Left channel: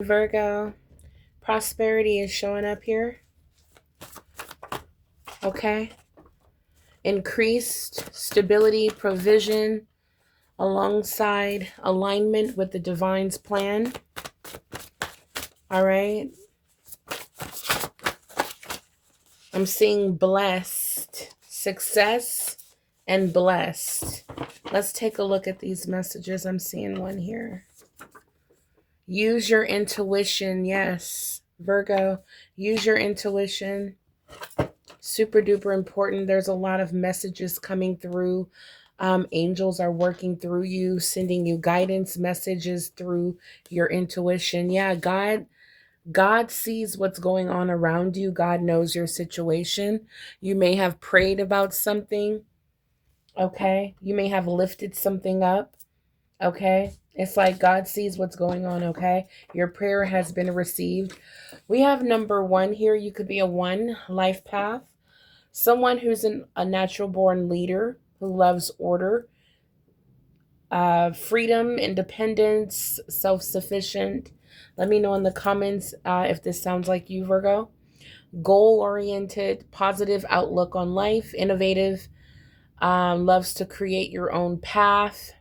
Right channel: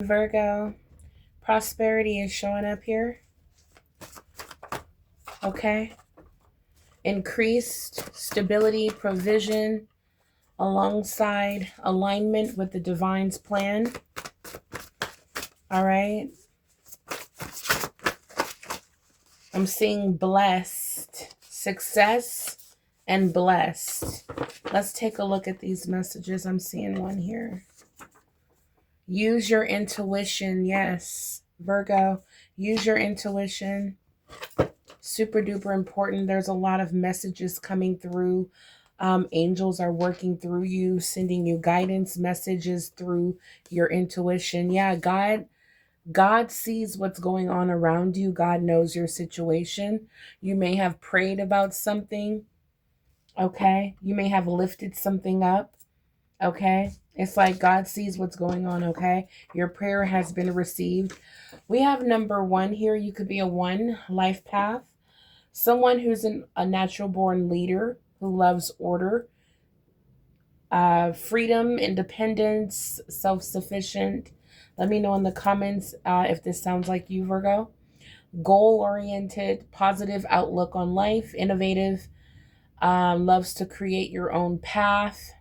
Virgo, prosperity is showing up here. Okay. Increased stability, provision, alongside alignment with the divine's plan. All right. I'm seeing blessed, success, and blessed. Let's take a look at these messages. I'm seeing one here. Use your intuition. Yes, Virgo, use your intuition. Super duper important. There's a lot of messages coming through. Angels are working through you, sending you guidance messages through your intuition. Yeah, God sees what's going on around you. God knows your situation. You may have prayed about something. Okay. You may have lifted something up. Okay. It's like God sees what's going on. Okay. Your prayer has been received. We have number one here. You could be a one life path. Someone who's a natural born leader who loves order, freedom, independence, self sufficient. Let me know in the comments if this sounds like you, Virgo. Goal oriented, positive outlook on life, innovative, loves to create your own path,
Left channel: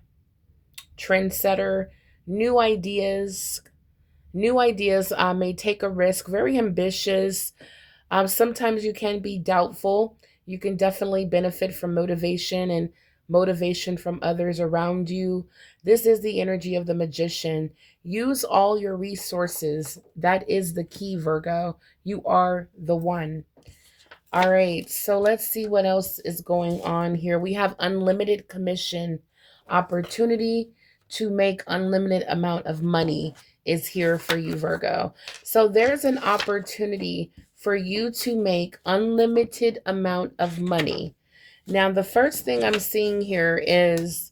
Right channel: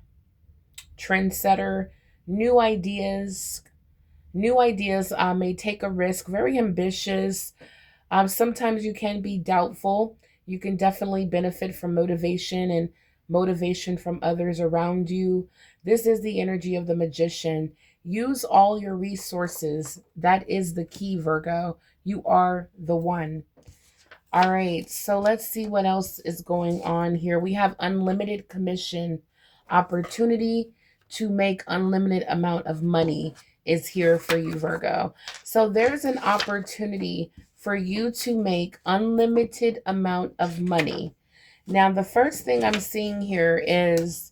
trendsetter, new ideas. New ideas may take a risk, very ambitious. Sometimes you can be doubtful. You can definitely benefit from motivation and motivation from others around you. This is the energy of the magician. Use all your resources. That is the key, Virgo. You are the one. All right, so let's see what else is going on here. We have unlimited commission opportunity to make unlimited amount of money is here for you, Virgo. So there's an opportunity for you to make unlimited amount of money. Now, the first thing I'm seeing here is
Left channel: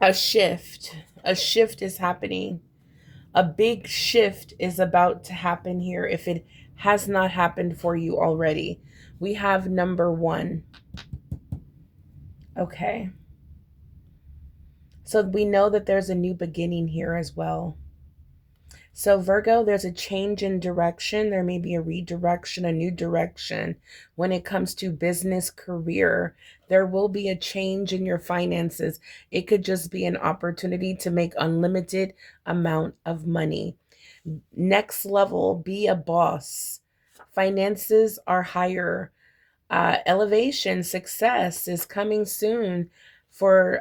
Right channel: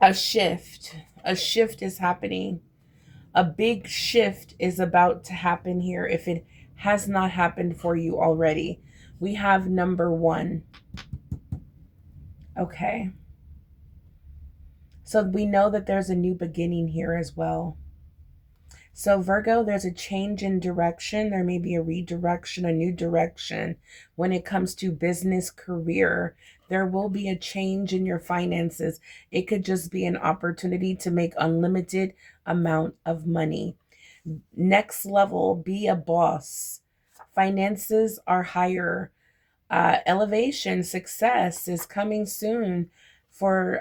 a shift. A shift is happening. A big shift is about to happen here if it has not happened for you already. We have number one. Okay. So we know that there's a new beginning here as well. So Virgo, there's a change in direction. There may be a redirection, a new direction when it comes to business, career. There will be a change in your finances. It could just be an opportunity to make unlimited amount of money. Next level, be a boss. Finances are higher. Elevation, success is coming soon for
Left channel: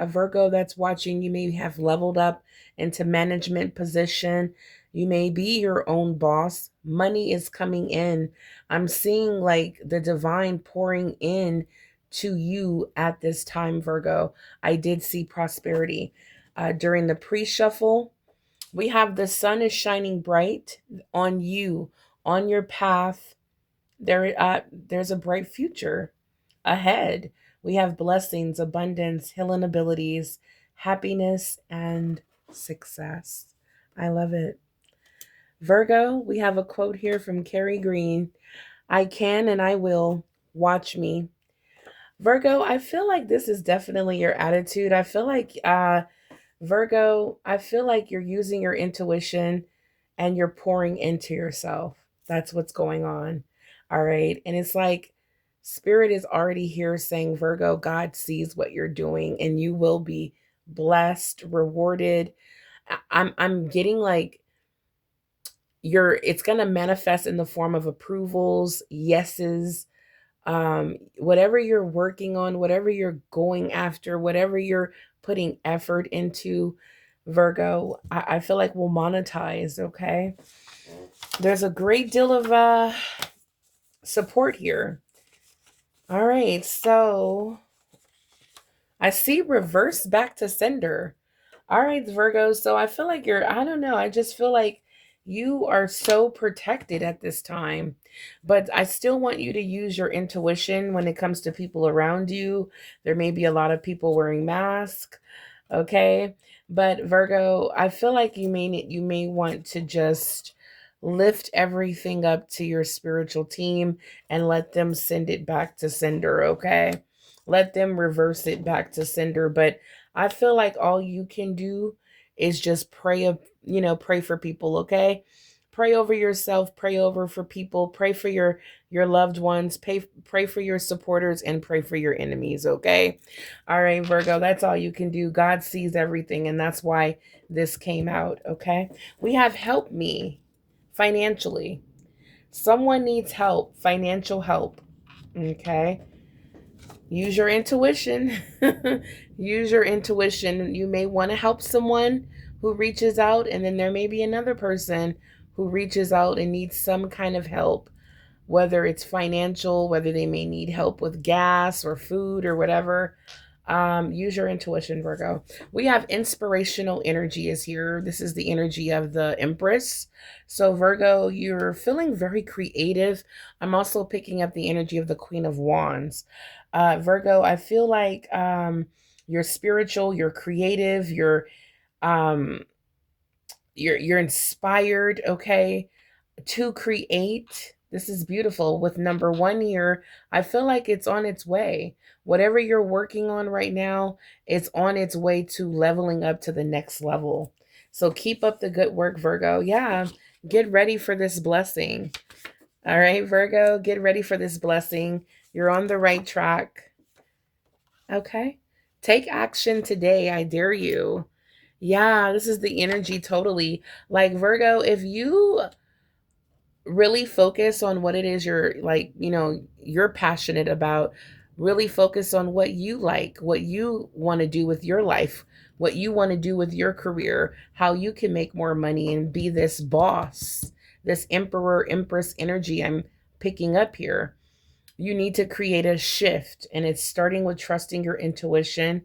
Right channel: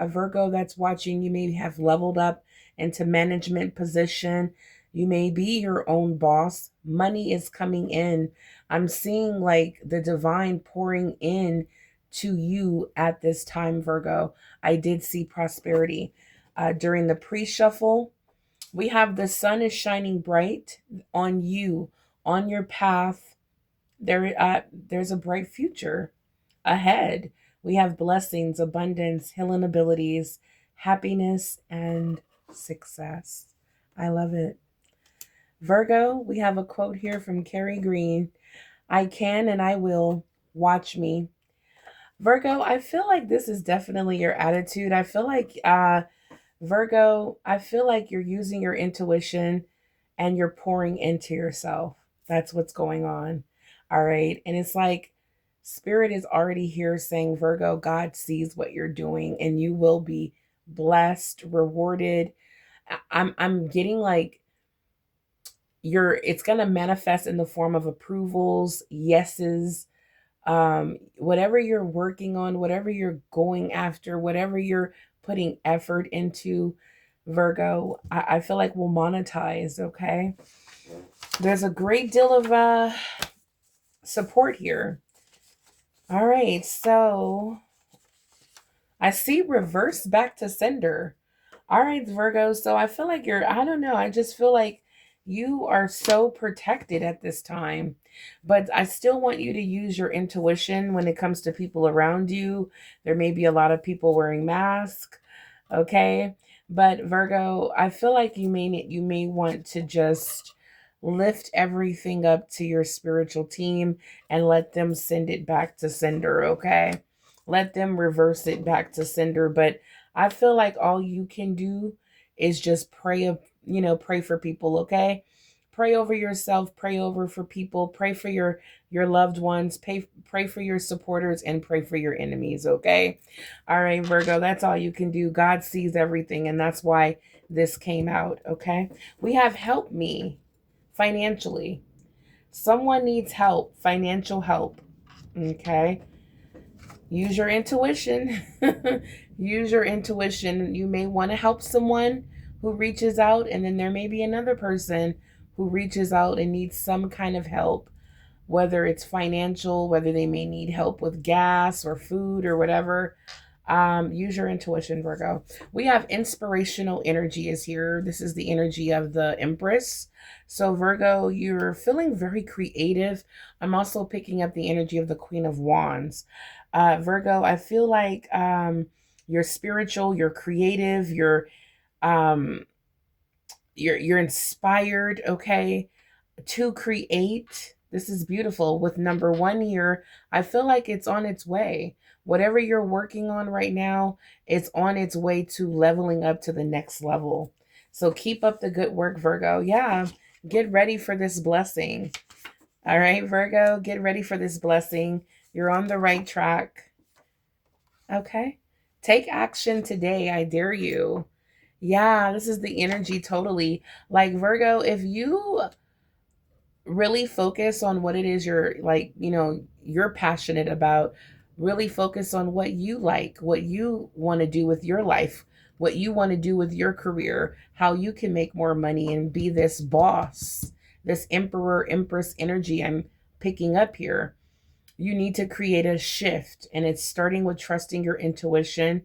a Virgo that's watching. You may have leveled up into management position. You may be your own boss. Money is coming in. I'm seeing like the divine pouring in to you at this time, Virgo. I did see prosperity. During the pre-shuffle, we have the sun is shining bright on you, on your path. There's a bright future ahead. We have blessings, abundance, healing abilities, happiness, and success. I love it. Virgo, we have a quote here from Carrie Green. I can and I will. Watch me. Virgo, I feel like this is definitely your attitude. I feel like Virgo, I feel like you're using your intuition and you're pouring into yourself. That's what's going on. All right. And it's like Spirit is already here saying, Virgo, God sees what you're doing and you will be blessed, rewarded. I'm getting like it's gonna manifest in the form of approvals, yeses, whatever you're working on, whatever you're going after, whatever you're putting effort into, Virgo, I feel like will monetize. Okay. There's a great deal of support here. All right, so I see reverse back to sender. All right, Virgo. So I feel like I don't know, I just feel like you are so protected at this time. But I still want you to use your intuition when it comes to people around you. There may be a lot of people wearing masks. Okay. But Virgo, I feel like you may want to just lift everything up to your spiritual team and let them send it back to sender. Okay. Let them reverse it back to sender. But I feel like all you can do is just pray for people, okay? Pray over yourself, pray over for people, pray for your loved ones, pray for your supporters, and pray for your enemies, okay? All right, Virgo, that's all you can do. God sees everything, and that's why this came out, okay? We have help me financially. Someone needs help, financial help, okay? Use your intuition. Use your intuition. You may want to help someone who reaches out, and then there may be another person who reaches out and needs some kind of help, whether it's financial, whether they may need help with gas or food or whatever. Use your intuition, Virgo. We have inspirational energy is here. This is the energy of the Empress. So, Virgo, you're feeling very creative. I'm also picking up the energy of the Queen of Wands. Virgo, I feel like you're spiritual, you're creative, um, you're inspired, okay, to create. This is beautiful. With number one here, I feel like it's on its way. Whatever you're working on right now, it's on its way to leveling up to the next level. So keep up the good work, Virgo. Yeah, get ready for this blessing. All right, Virgo, get ready for this blessing. You're on the right track. Okay. Take action today. I dare you. Yeah, this is the energy totally. Like Virgo, if you really focus on what it is you're like, you're passionate about, really focus on what you like, what you want to do with your life, what you want to do with your career, how you can make more money and be this boss, this emperor, empress energy I'm picking up here. You need to create a shift, and it's starting with trusting your intuition,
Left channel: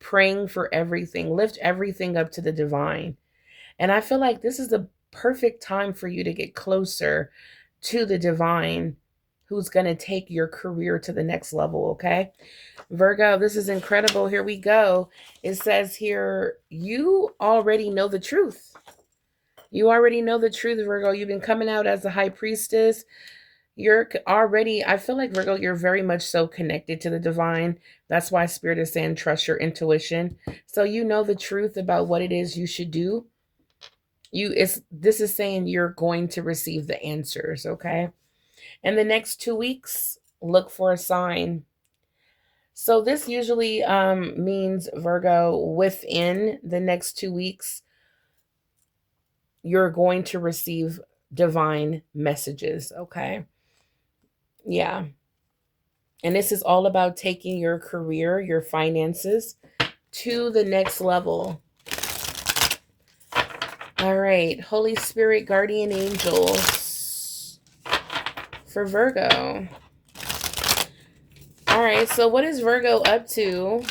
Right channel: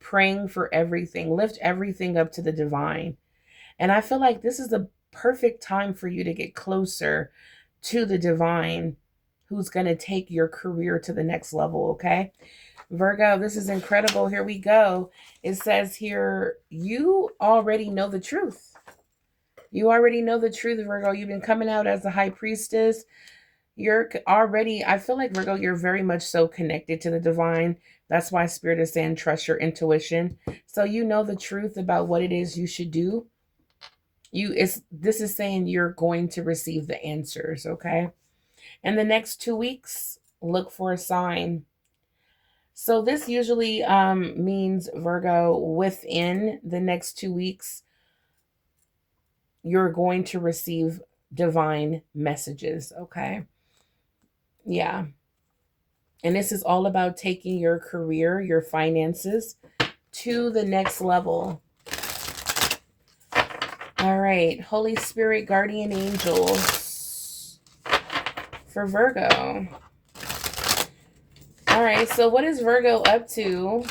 praying for everything, lift everything up to the divine. And I feel like this is the perfect time for you to get closer to the divine who's going to take your career to the next level, okay? Virgo, this is incredible. Here we go. It says here, you already know the truth. You already know the truth, Virgo. You've been coming out as the high priestess. You're already, I feel like, Virgo, you're very much so connected to the divine. That's why Spirit is saying trust your intuition. So you know the truth about what it is you should do. This is saying you're going to receive the answers, okay? And the next 2 weeks, look for a sign. So this usually means, Virgo, within the next 2 weeks, you're going to receive divine messages, okay? Yeah. And this is all about taking your career, your finances to the next level. All right, Holy Spirit, guardian angels for Virgo. All right, so what is Virgo up to?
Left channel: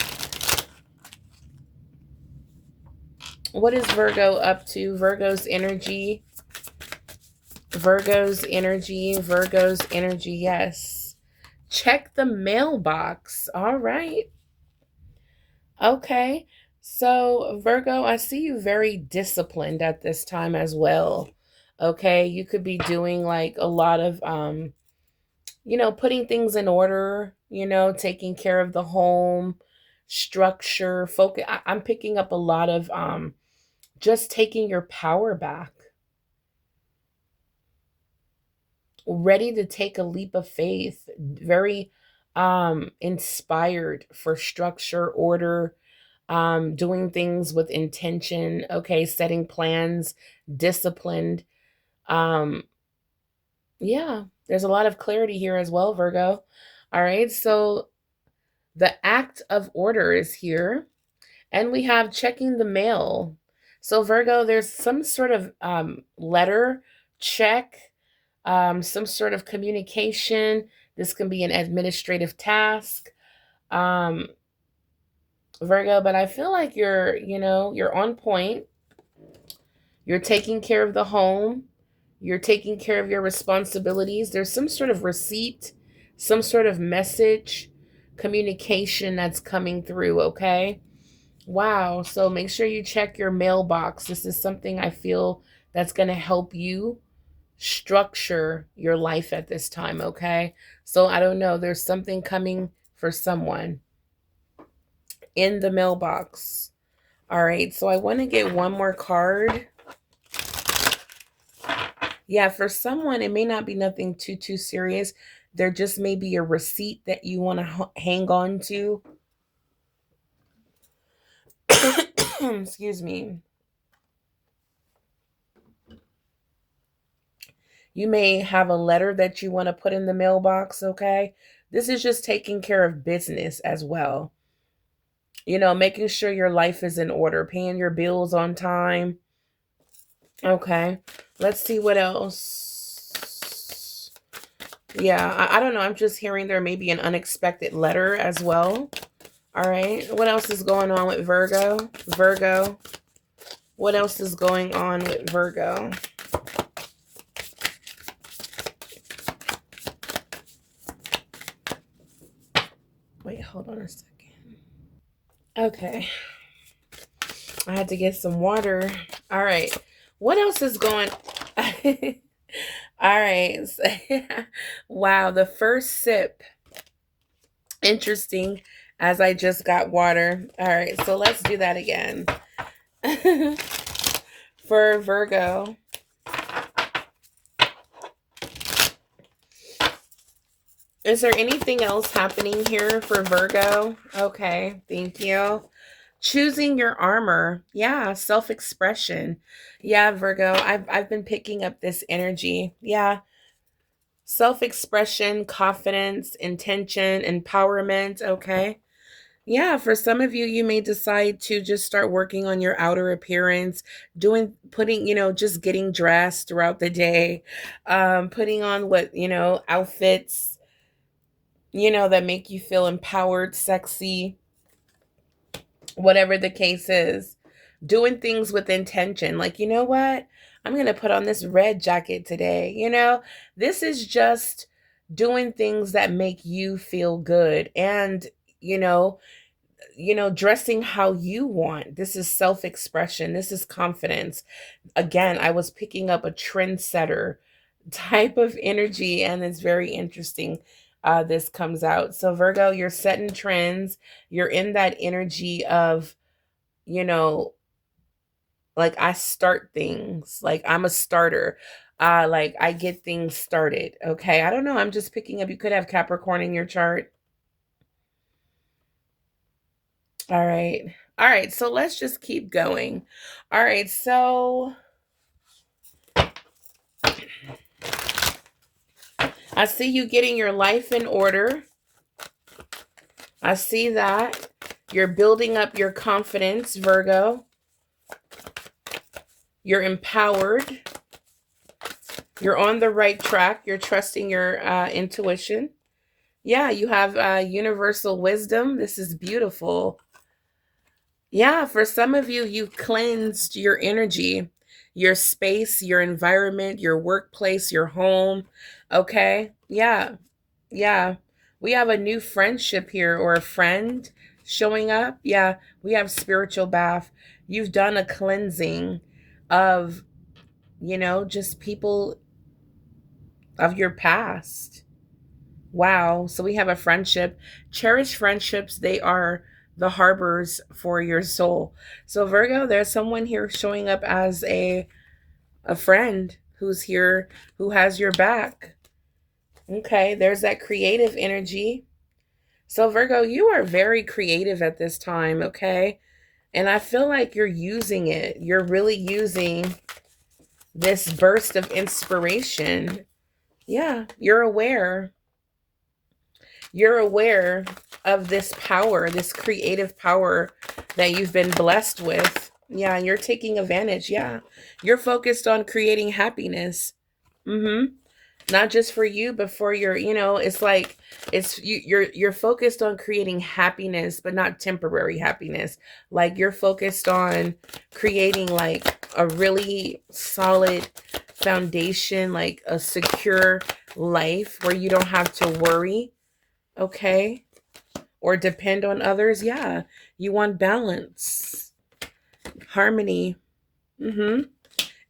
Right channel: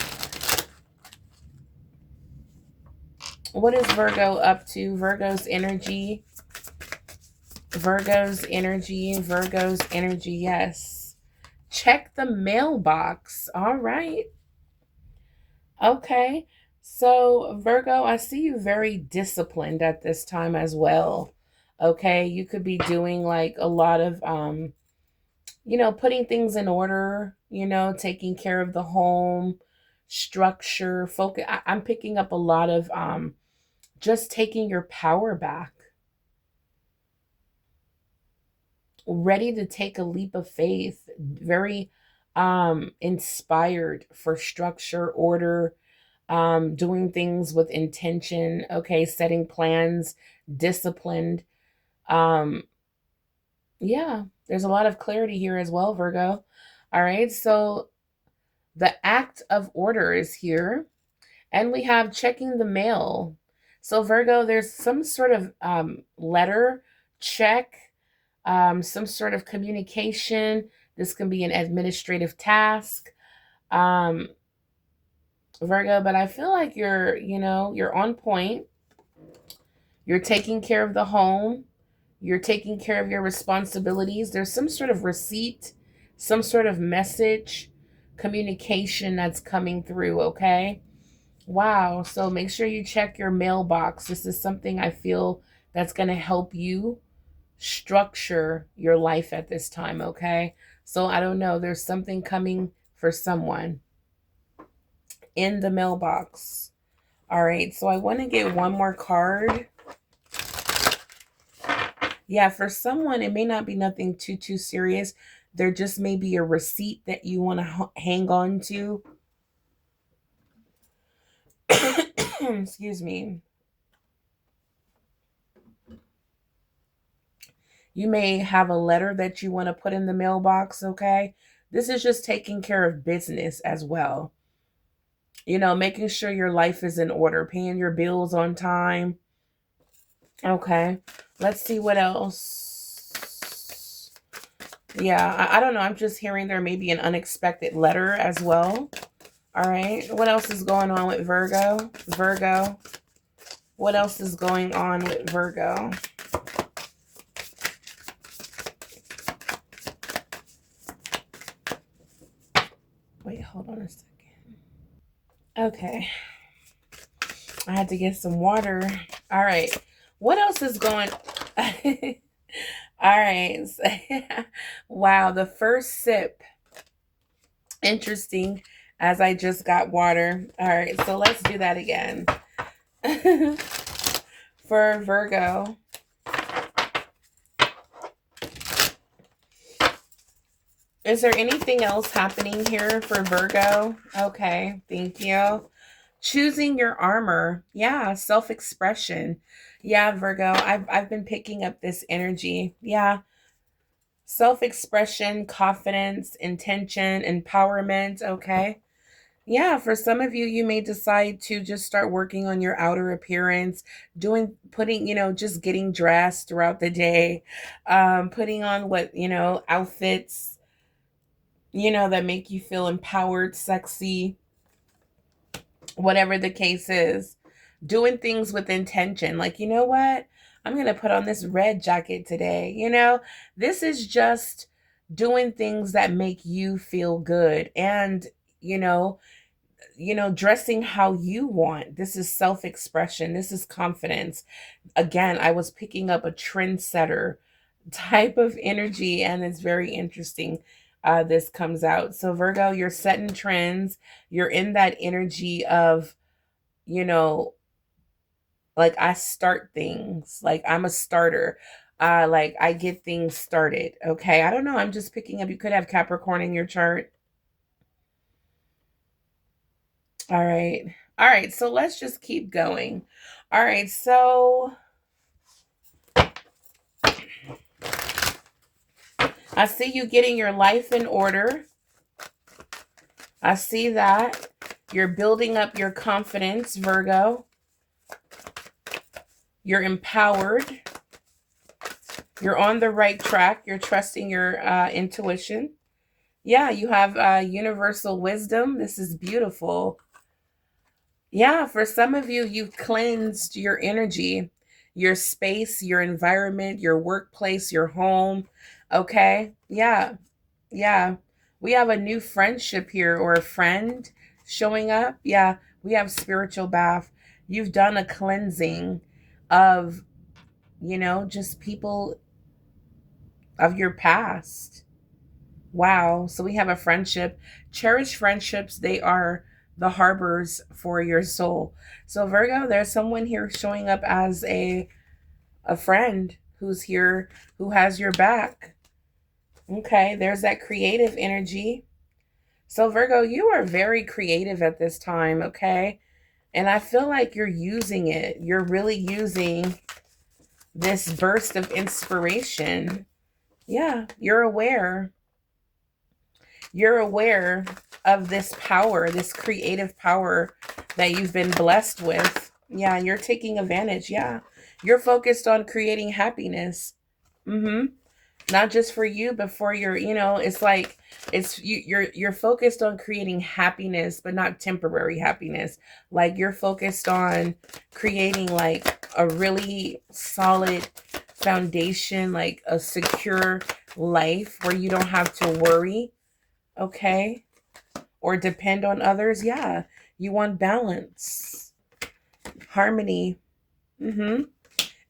What is Virgo up to? Virgo's energy. Virgo's energy. Virgo's energy, yes. Check the mailbox. All right. Okay. So, Virgo, I see you very disciplined at this time as well. Okay. You could be doing like a lot of, putting things in order, taking care of the home, structure, focus. I'm picking up a lot of just taking your power back, ready to take a leap of faith, very inspired for structure, order, doing things with intention, okay, setting plans, disciplined. Um, yeah, there's a lot of clarity here as well, Virgo. All right, so the act of order is here, and we have checking the mail. So, Virgo, there's some sort of letter check, some sort of communication. This can be an administrative task. Um, Virgo, but I feel like you're on point. You're taking care of the home. You're taking care of your responsibilities. There's some sort of receipt, some sort of message, communication that's coming through, okay? Wow. So make sure you check your mailbox. This is something I feel that's going to help you structure your life at this time, okay? So I don't know. There's something coming for someone in the mailbox. All right, so I want to get one more card. Yeah, for someone, it may not be nothing too serious. There just may be a receipt that you want to hang on to. Excuse me. You may have a letter that you want to put in the mailbox, okay? This is just taking care of business as well. You know, making sure your life is in order, paying your bills on time. Okay, let's see what else. Yeah, I don't know. I'm just hearing there may be an unexpected letter as well. All right, what else is going on with Virgo? Virgo, what else is going on with Virgo? Wait, hold on a second. Okay, I had to get some water. All right, what else is going? All right. Wow, the first sip. Interesting, as I just got water. All right, so let's do that again. For Virgo. Is there anything else happening here for Virgo? Okay, thank you. Choosing your armor. Yeah, self-expression. Yeah, Virgo, I've been picking up this energy. Yeah. Self-expression, confidence, intention, empowerment, okay? Yeah, for some of you, you may decide to just start working on your outer appearance, putting, just getting dressed throughout the day, putting on outfits, that make you feel empowered, sexy, whatever the case is. Doing things with intention. Like, you know what? I'm going to put on this red jacket today. This is just doing things that make you feel good and, you know, dressing how you want. This is self-expression. This is confidence. Again, I was picking up a trendsetter type of energy, and it's very interesting. This comes out. So Virgo, you're setting trends. You're in that energy of, you know, like I start things. Like I'm a starter. Like I get things started. Okay. I don't know. I'm just picking up. You could have Capricorn in your chart. All right. All right. So let's just keep going. All right. So I see you getting your life in order. I see that. You're building up your confidence, Virgo. You're empowered. You're on the right track. You're trusting your intuition. Yeah, you have universal wisdom. This is beautiful. Yeah, for some of you, you've cleansed your energy, your space, your environment, your workplace, your home. Okay. Yeah. Yeah. We have a new friendship here or a friend showing up. Yeah. We have spiritual bath. You've done a cleansing of, just people of your past. Wow. So we have a friendship. Cherished friendships, they are the harbors for your soul. So Virgo, there's someone here showing up as a friend who's here, who has your back. Okay, there's that creative energy. So Virgo, you are very creative at this time, okay? And I feel like you're using it. You're really using this burst of inspiration. Yeah, you're aware. You're aware of this power, this creative power that you've been blessed with. Yeah, and you're taking advantage. Yeah. You're focused on creating happiness. Mm-hmm. Not just for you, but for your, it's like you're focused on creating happiness, but not temporary happiness. Like you're focused on creating like a really solid foundation, like a secure life where you don't have to worry, okay? Or depend on others. Yeah. You want balance, harmony. Mm-hmm.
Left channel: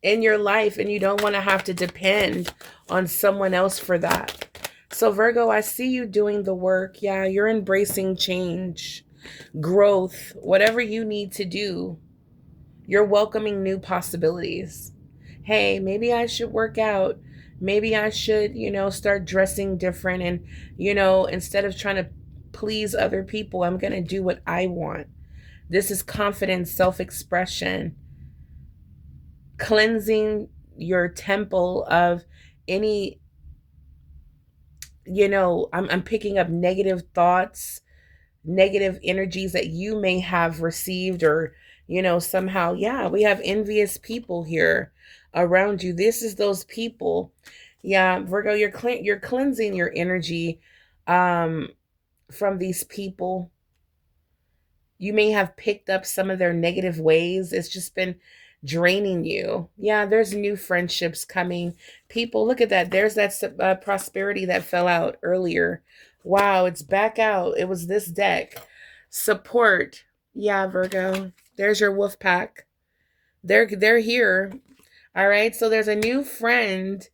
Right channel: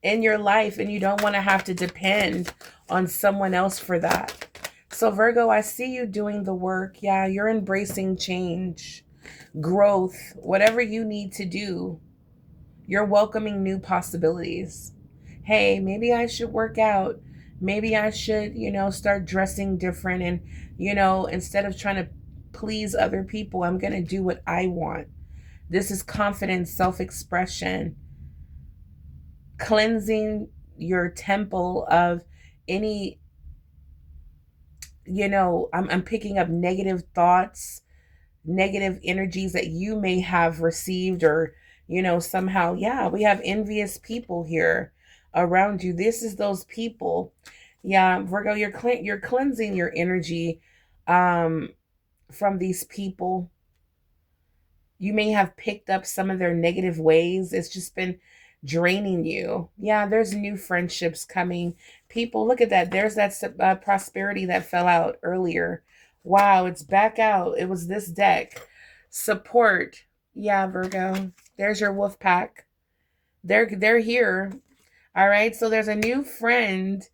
In your life, and you don't want to have to depend on someone else for that. So Virgo, I see you doing the work. Yeah, you're embracing change, growth, whatever you need to do. You're welcoming new possibilities. Hey, maybe I should work out. Maybe I should, start dressing different. And, instead of trying to please other people, I'm going to do what I want. This is confidence, self expression, cleansing your temple of any, I'm picking up negative thoughts, negative energies that you may have received, or somehow, yeah, we have envious people here around you. This is those people. Yeah, Virgo, you're cleansing your energy um from these people. You may have picked up some of their negative ways. It's just been draining you. Yeah, there's new friendships coming. People, look at that. There's that prosperity that fell out earlier. Wow, it's back out. It was this deck. Support. Yeah, Virgo. There's your wolf pack. They're here. All right. So there's a new friend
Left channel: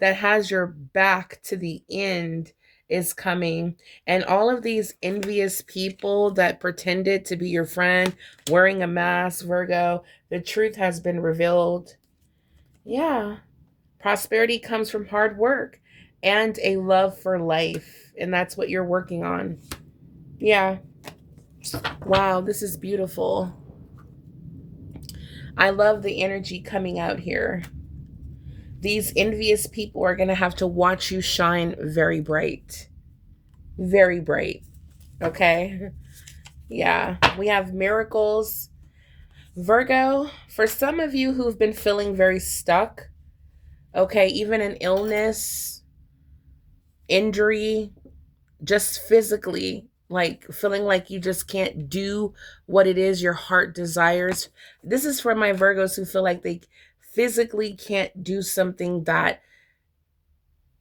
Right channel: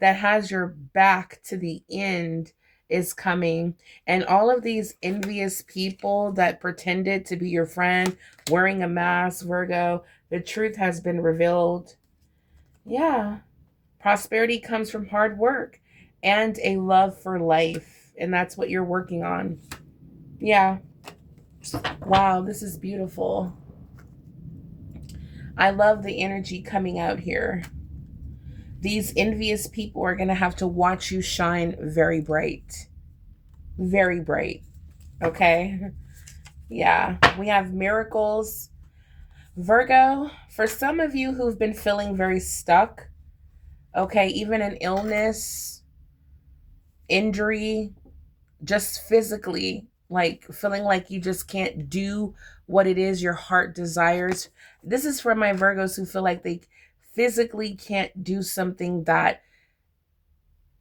that has your back to the end is coming. And all of these envious people that pretended to be your friend wearing a mask, Virgo, the truth has been revealed. Yeah. Prosperity comes from hard work and a love for life. And that's what you're working on. Yeah. Wow. This is beautiful. I love the energy coming out here. These envious people are going to have to watch you shine very bright. Very bright. Okay? Yeah. We have miracles. Virgo, for some of you who've been feeling very stuck, okay, even an illness, injury, just physically, like feeling like you just can't do what it is your heart desires. This is for my Virgos who feel like they physically can't do something that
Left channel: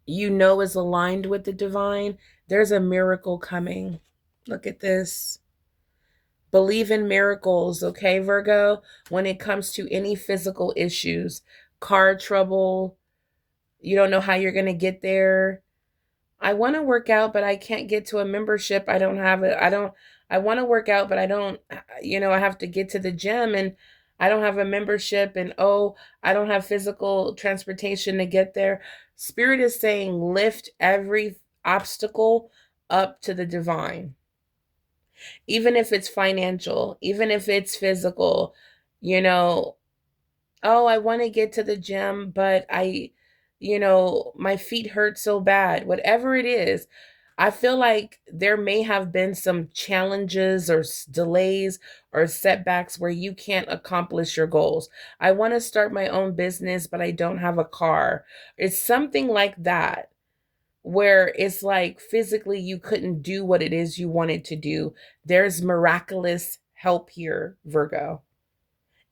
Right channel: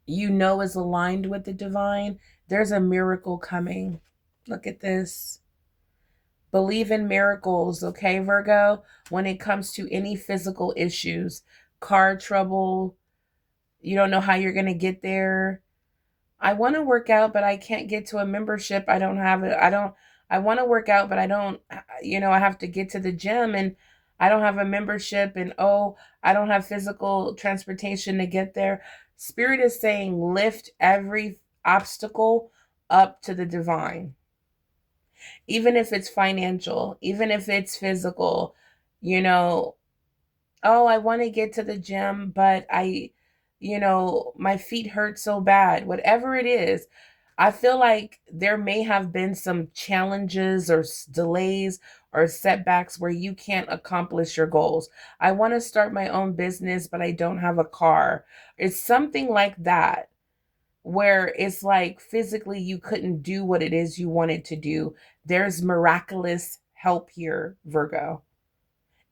is aligned with the divine. There's a miracle coming. Look at this. Believe in miracles, okay, Virgo? When it comes to any physical issues, car trouble, you don't know how you're going to get there. I want to work out, but I can't get to a membership. I don't have it. I want to work out, but I don't, I have to get to the gym and I don't have a membership, and oh, I don't have physical transportation to get there. Spirit is saying lift every obstacle up to the divine. Even if it's financial, even if it's physical, you know, oh, I want to get to the gym, but my feet hurt so bad. Whatever it is, I feel like there may have been some challenges or delays or setbacks where you can't accomplish your goals. I want to start my own business, but I don't have a car. It's something like that, where it's like physically you couldn't do what it is you wanted to do. There's miraculous help here, Virgo.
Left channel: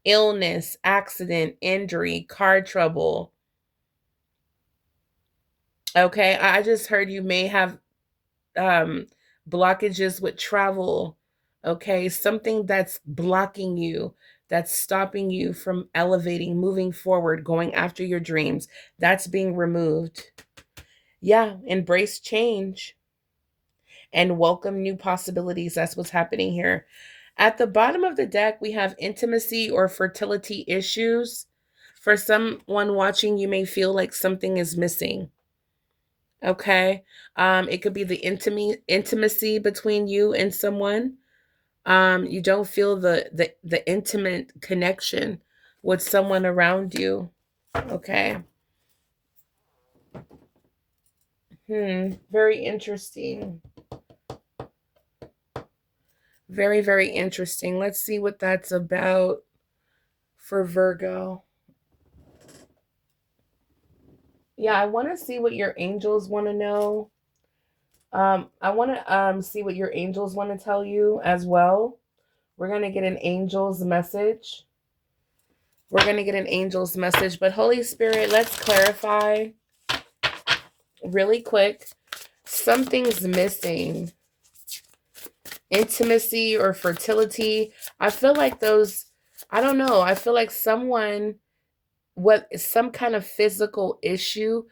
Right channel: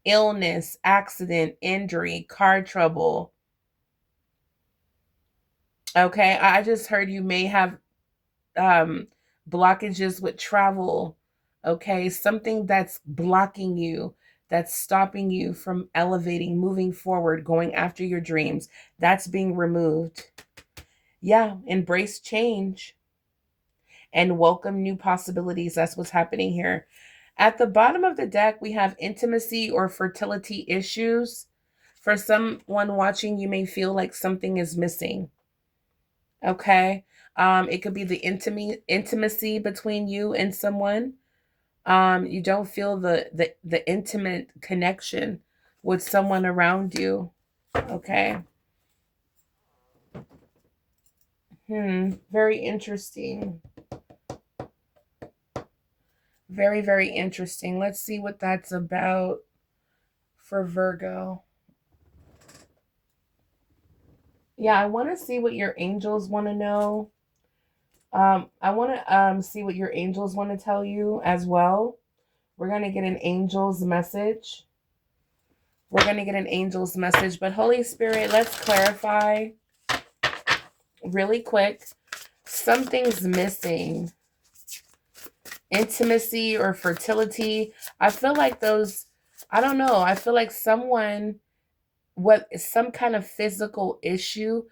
Illness, accident, injury, car trouble. Okay, I just heard you may have um blockages with travel. Okay, something that's blocking you, that's stopping you from elevating, moving forward, going after your dreams. That's being removed. Yeah, embrace change and welcome new possibilities. That's what's happening here. At the bottom of the deck, we have intimacy or fertility issues. For someone watching, you may feel like something is missing. Okay. It could be the intimacy between you and someone. You don't feel the intimate connection with someone around you. Okay. Very interesting. Very, very interesting. Let's see what that's about for Virgo. Yeah, I want to see what your angels want to know. I want to see what your angels want to tell you as well. We're going to get an angel's message. We're going to get an angel's message, but Holy Spirit, let's clarify really quick. Something's missing. Intimacy or fertility. I feel like those, I don't know. I feel like someone, some kind of physical issue,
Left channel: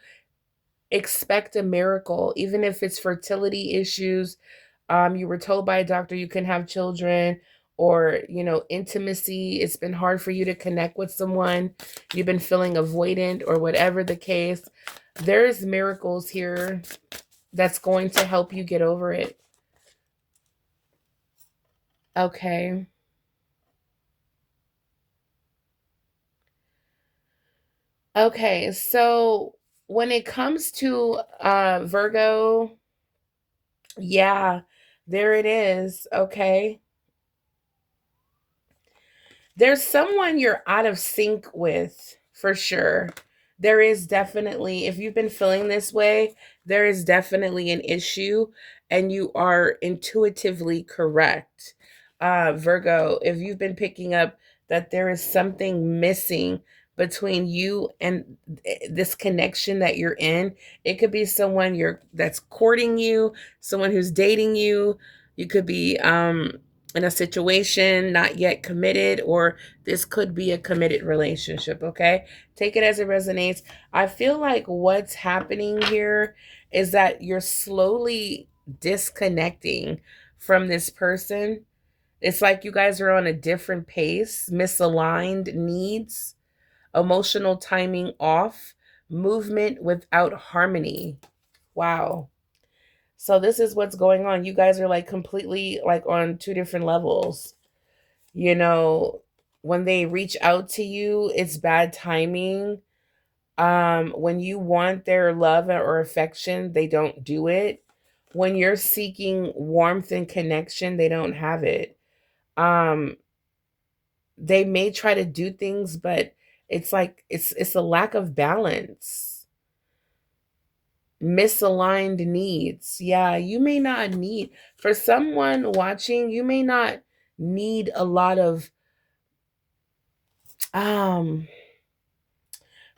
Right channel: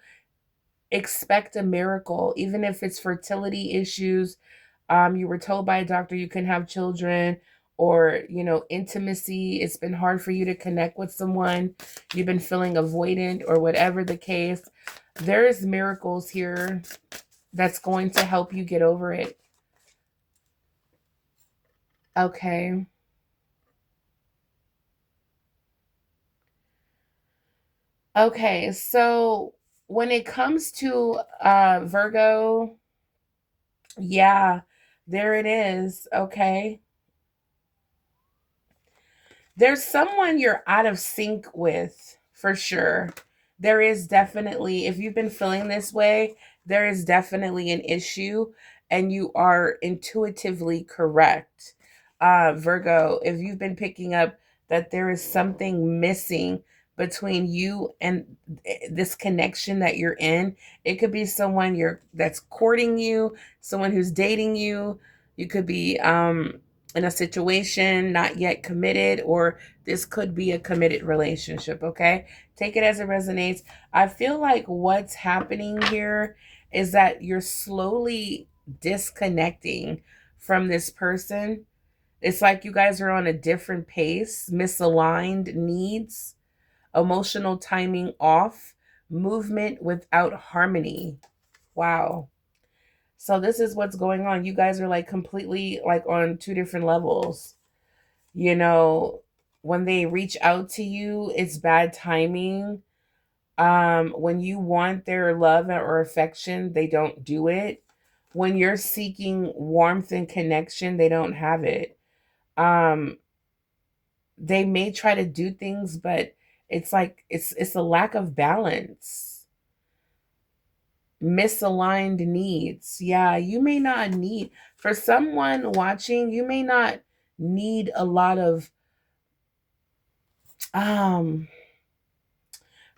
expect a miracle, even if it's fertility issues. You were told by a doctor you can have children, or, intimacy. It's been hard for you to connect with someone. You've been feeling avoidant or whatever the case. There is miracles here that's going to help you get over it. Okay. Okay. So when it comes to Virgo, yeah, there it is. Okay. There's someone you're out of sync with for sure. There is definitely, if you've been feeling this way, there is definitely an issue, and you are intuitively correct. Virgo, if you've been picking up that there is something missing between you and this connection that you're in, it could be someone that's courting you, someone who's dating you. You could be in a situation, not yet committed, or this could be a committed relationship, okay? Take it as it resonates. I feel like what's happening here is that you're slowly disconnecting from this person. It's like you guys are on a different pace, misaligned needs, emotional timing off, movement without harmony. Wow. So this is what's going on. You guys are like completely like on two different levels. You know, when they reach out to you, it's bad timing. When you want their love or affection, they don't do it. When you're seeking warmth and connection, they don't have it. Um, they may try to do things, but it's like it's a lack of balance. Misaligned needs. Yeah, you may not need, for someone watching, you may not need a lot of um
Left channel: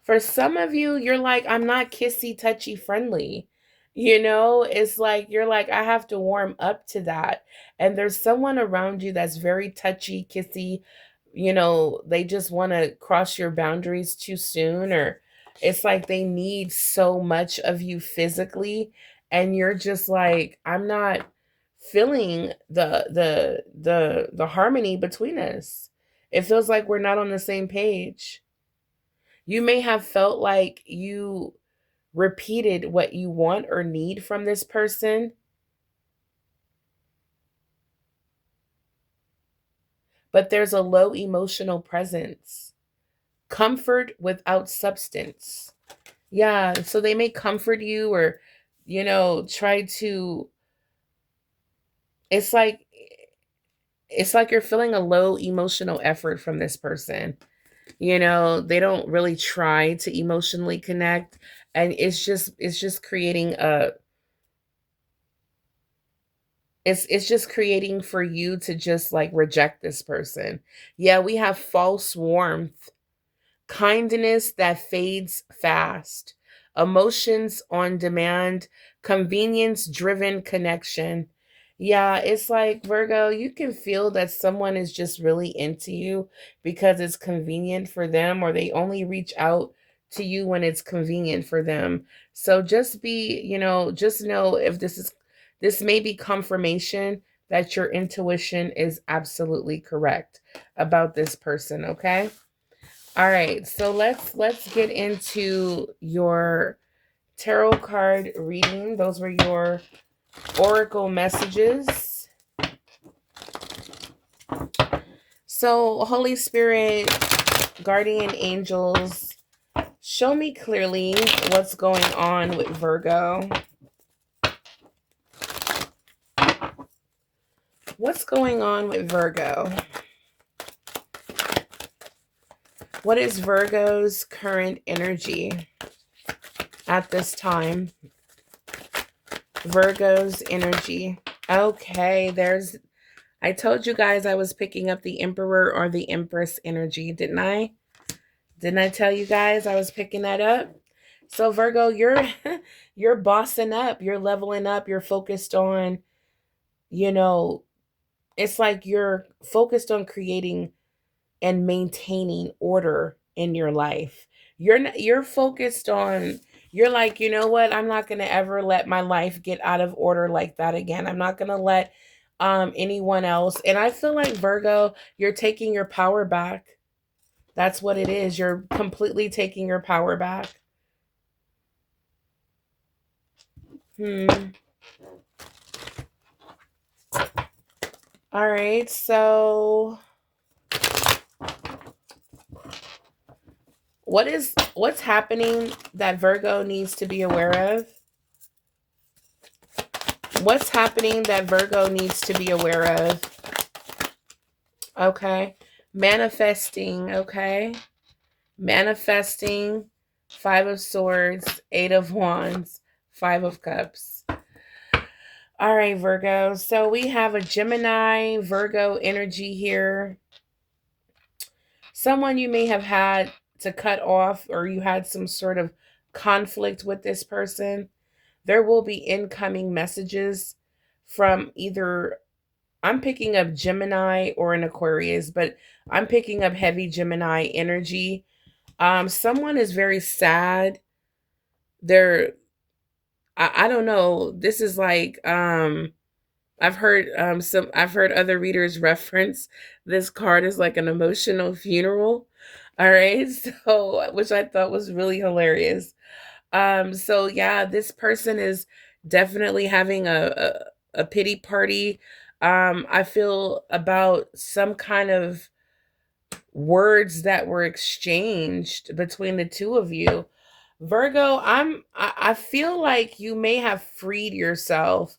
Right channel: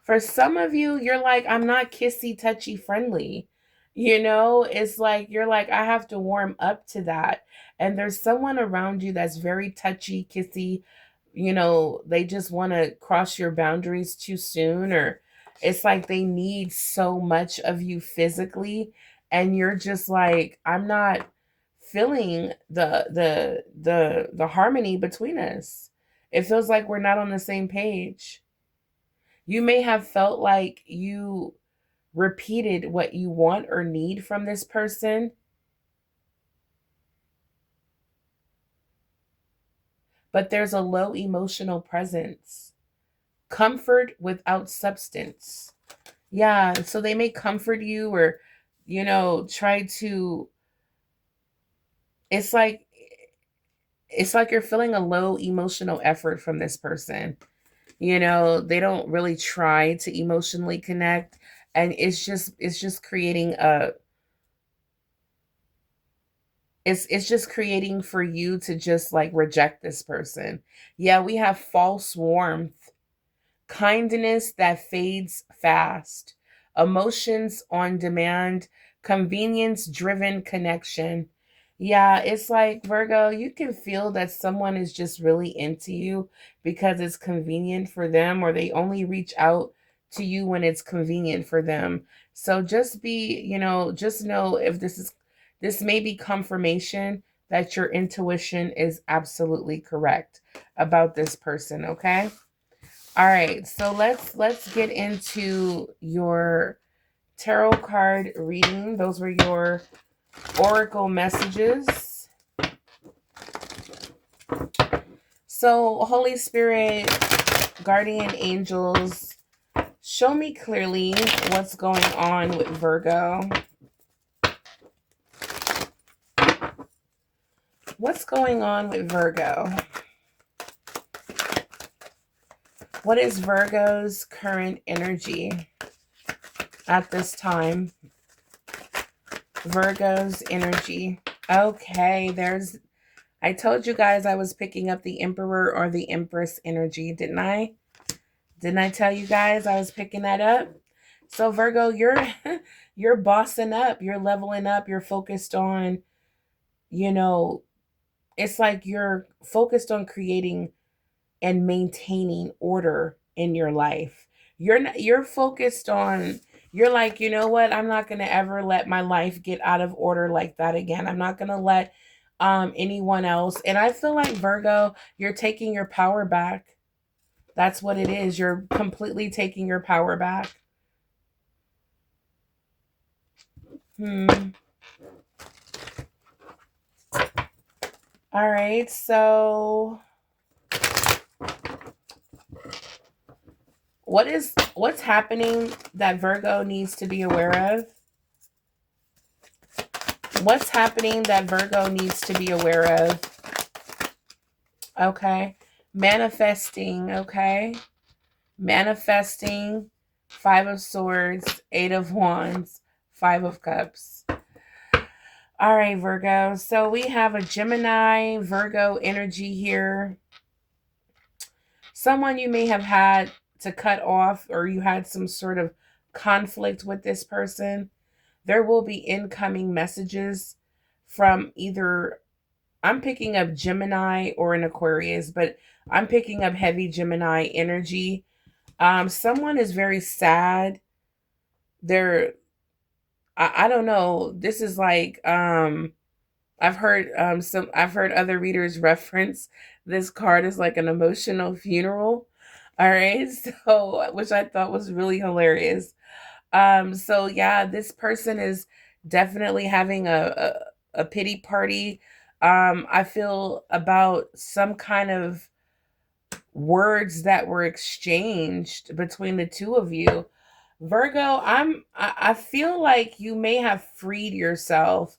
for some of you, you're like, I'm not kissy, touchy, friendly. It's like, you're like, I have to warm up to that. And there's someone around you that's very touchy, kissy. They just want to cross your boundaries too soon, or it's like they need so much of you physically. And you're just like, I'm not feeling the harmony between us. It feels like we're not on the same page. You may have felt like you repeated what you want or need from this person, but there's a low emotional presence. Comfort without substance. Yeah, so they may comfort you or, try to, it's like you're feeling a low emotional effort from this person. They don't really try to emotionally connect, and it's just creating a it's just creating for you to just like reject this person. Yeah, we have false warmth, kindness that fades fast, emotions on demand, convenience driven connection. Yeah, it's like Virgo, you can feel that someone is just really into you because it's convenient for them, or they only reach out to you when it's convenient for them. So just just know, if this may be confirmation that your intuition is absolutely correct about this person, okay? All right, so let's get into your tarot card reading. Those were your oracle messages. So, Holy Spirit, guardian angels, show me clearly what's going on with Virgo. What's going on with Virgo? What is Virgo's current energy at this time? Virgo's energy. Okay, I told you guys I was picking up the Emperor or the Empress energy, didn't I? Didn't I tell you guys I was picking that up? So Virgo, you're you're bossing up, you're leveling up, you're focused on, you know, it's like you're focused on creating and maintaining order in your life. You're focused on, you're like, you know what? I'm not going to ever let my life get out of order like that again. I'm not going to let anyone else. And I feel like Virgo, you're taking your power back. That's what it is. You're completely taking your power back. Hmm. All right. So what's happening that Virgo needs to be aware of? What's happening that Virgo needs to be aware of? Okay. Manifesting, okay? Manifesting, Five of Swords, Eight of Wands, Five of Cups. All right, Virgo. So we have a Gemini, Virgo energy here. Someone you may have had to cut off, or you had some sort of conflict with this person. There will be incoming messages from either, I'm picking up Gemini or an Aquarius, but I'm picking up heavy Gemini energy. Someone is very sad. They're, I don't know. This is like, I've heard other readers reference this card as like an emotional funeral. All right. So, which I thought was really hilarious. So yeah, this person is definitely having a pity party. I feel about some kind of words that were exchanged between the two of you. Virgo, I feel like you may have freed yourself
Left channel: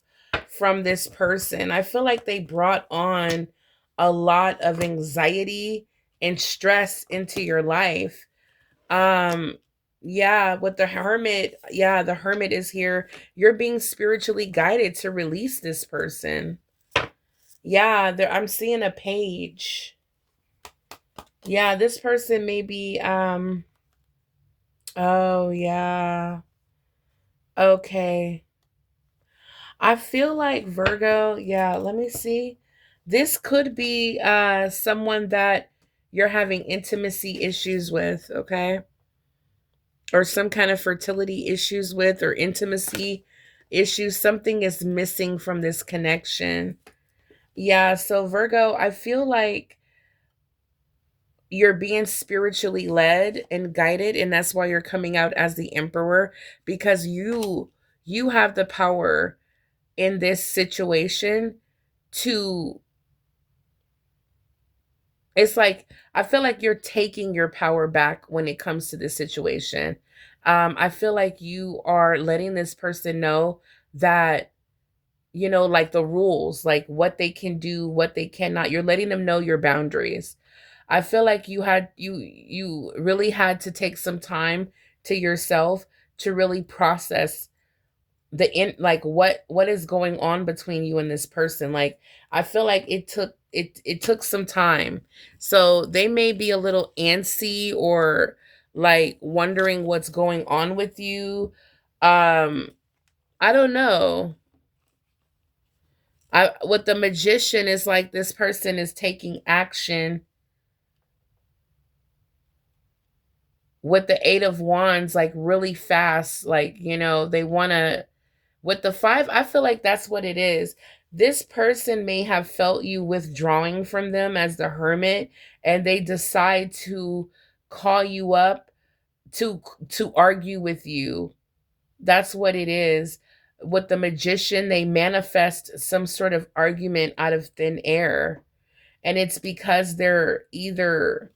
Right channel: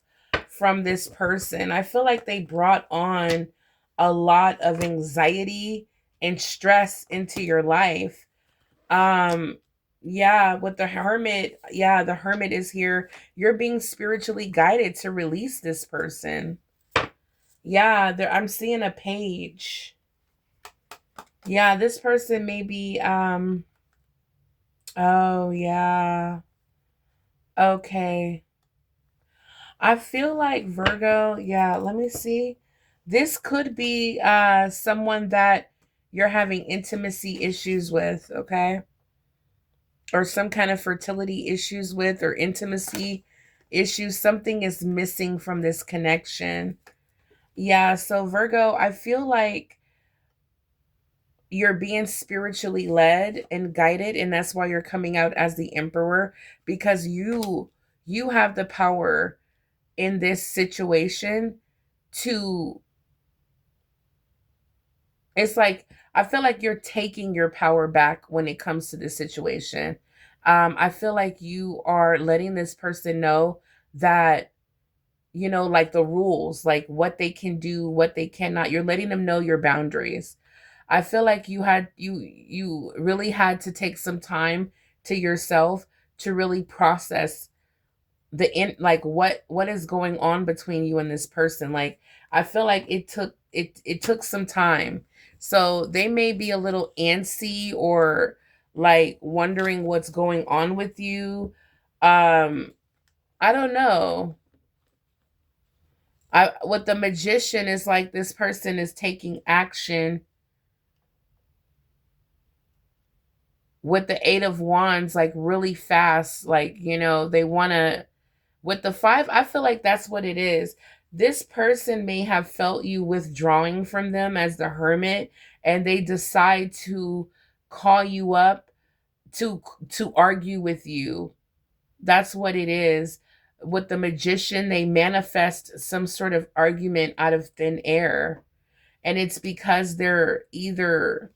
from this person. I feel like they brought on a lot of anxiety and stress into your life. Um yeah, with the Hermit, yeah, the Hermit is here. You're being spiritually guided to release this person. Yeah, there, I'm seeing a page. Yeah, this person may be oh yeah. Okay. I feel like Virgo, yeah, let me see. This could be someone that you're having intimacy issues with, okay? Or some kind of fertility issues with, or intimacy issues. Something is missing from this connection. Yeah, so Virgo, I feel like you're being spiritually led and guided, and that's why you're coming out as the Emperor, because you have the power in this situation to, it's like I feel like you're taking your power back when it comes to this situation. I feel like you are letting this person know that, you know, like the rules, like what they can do, what they cannot. You're letting them know your boundaries. I feel like you really had to take some time to yourself to really process the in, like what is going on between you and this person. Like I feel like it took some time. So they may be a little antsy, or like wondering what's going on with you. um I don't know. I, what the Magician is like, this person is taking action with the Eight of Wands, like really fast. Like, you know, they want to, with the five, I feel like that's what it is. This person may have felt you withdrawing from them as the Hermit, and they decide to call you up to argue with you. That's what it is. With the Magician, they manifest some sort of argument out of thin air. And it's because they're either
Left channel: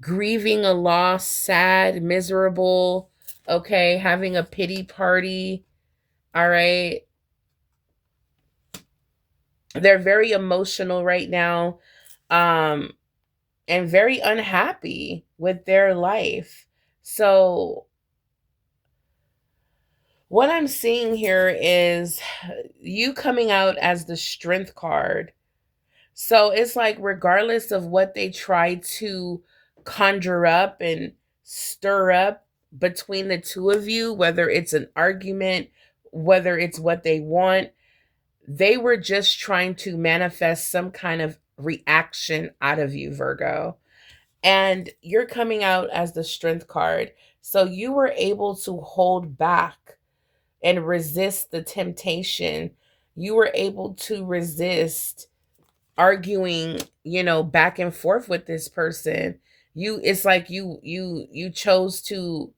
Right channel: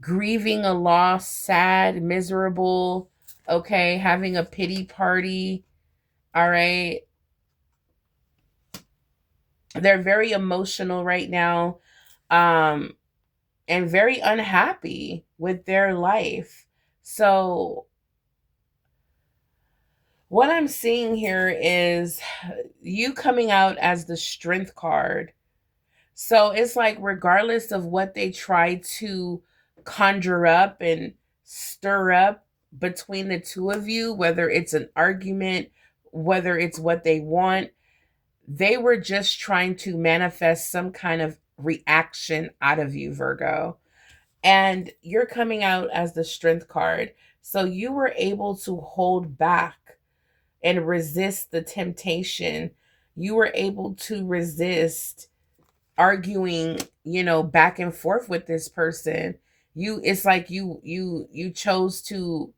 grieving a loss, sad, miserable, okay, having a pity party. All right. They're very emotional right now, um, and very unhappy with their life. So, what I'm seeing here is you coming out as the Strength card. So, it's like, regardless of what they try to conjure up and stir up between the two of you, whether it's an argument, whether it's what they want, they were just trying to manifest some kind of reaction out of you, Virgo. And you're coming out as the Strength card. So you were able to hold back and resist the temptation. You were able to resist arguing, back and forth with this person. It's like you chose to,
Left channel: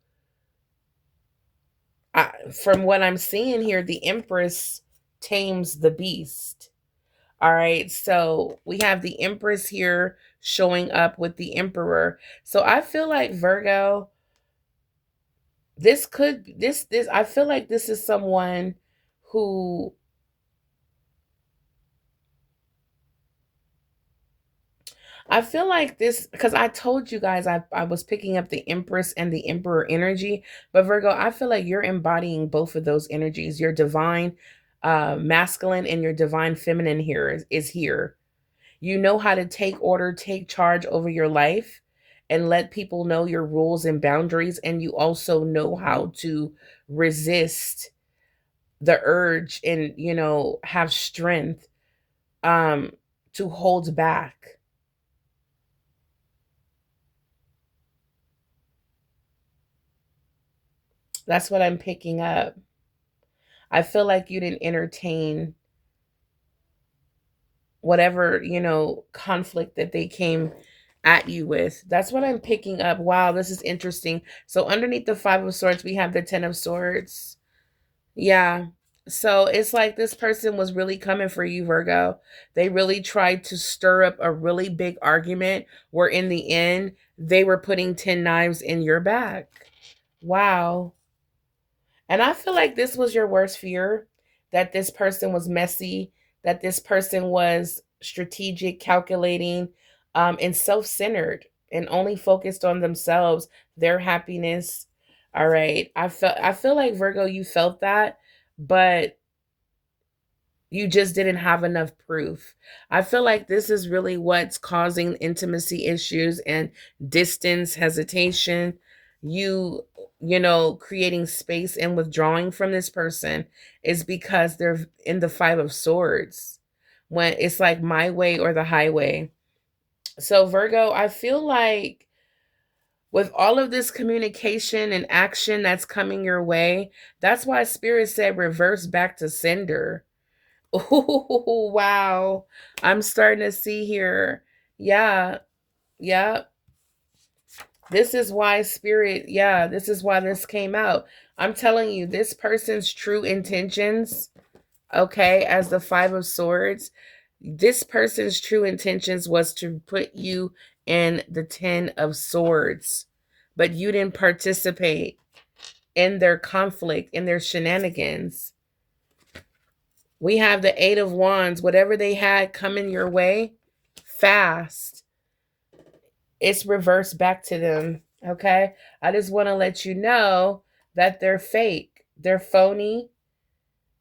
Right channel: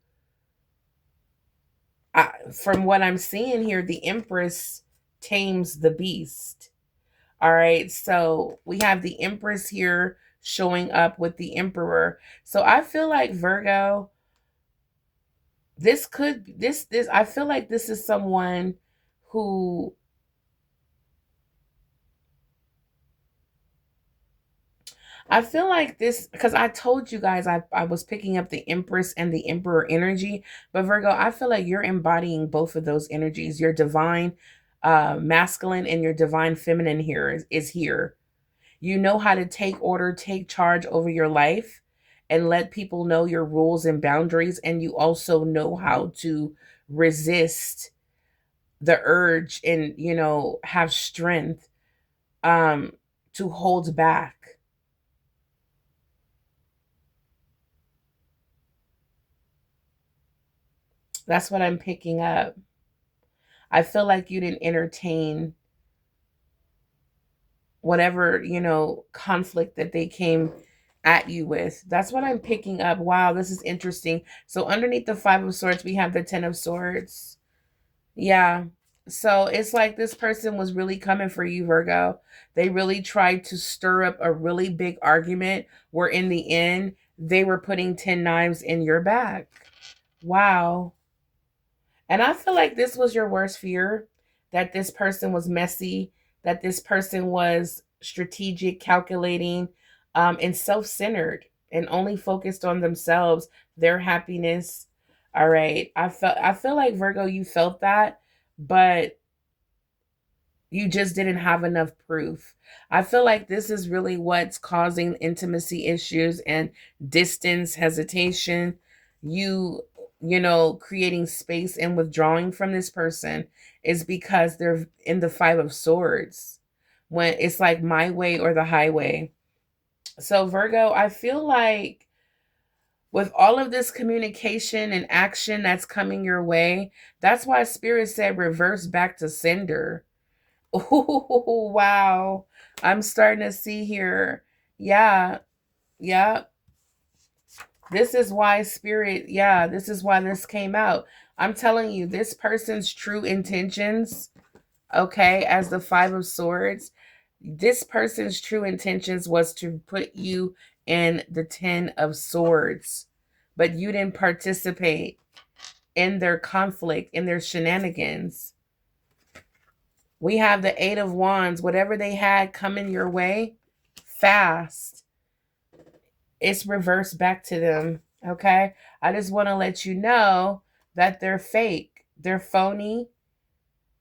from what I'm seeing here, the Empress tames the beast. All right. So we have the Empress here showing up with the Emperor. So I feel like Virgo, this I feel like this is someone who, I feel like this, because I told you guys I was picking up the Empress and the Emperor energy. But Virgo, I feel like you're embodying both of those energies. Your divine masculine and your divine feminine here is here. You know how to take order, take charge over your life, and let people know your rules and boundaries. And you also know how to resist the urge and, have strength um, to hold back. That's what I'm picking up. I feel like you didn't entertain whatever, conflict that they came at you with. That's what I'm picking up. Wow, this is interesting. So underneath the 5 of Swords, we have the 10 of Swords. Yeah. So it's like this person was really coming for you, Virgo. They really tried to stir up a really big argument where in the end, they were putting 10 knives in your back. Wow. And I feel like this was your worst fear, that this person was messy, that this person was strategic, calculating, and self centered and only focused on themselves, their happiness. All right. I feel like Virgo, you felt that, but you just didn't have enough proof. I feel like this is really what's causing intimacy issues and distance, hesitation. You, creating space and withdrawing from this person is because they're in the 5 of Swords. When it's like my way or the highway. So, Virgo, I feel like with all of this communication and action that's coming your way, that's why Spirit said reverse back to sender. Oh, wow. I'm starting to see here. Yeah. Yeah. This is why Spirit, yeah, this is why this came out. I'm telling you, this person's true intentions, okay, as the 5 of Swords, this person's true intentions was to put you in the 10 of Swords, but you didn't participate in their conflict, in their shenanigans. We have the 8 of Wands. Whatever they had coming your way, fast, it's reversed back to them. Okay? I just want to let you know that they're fake. They're phony.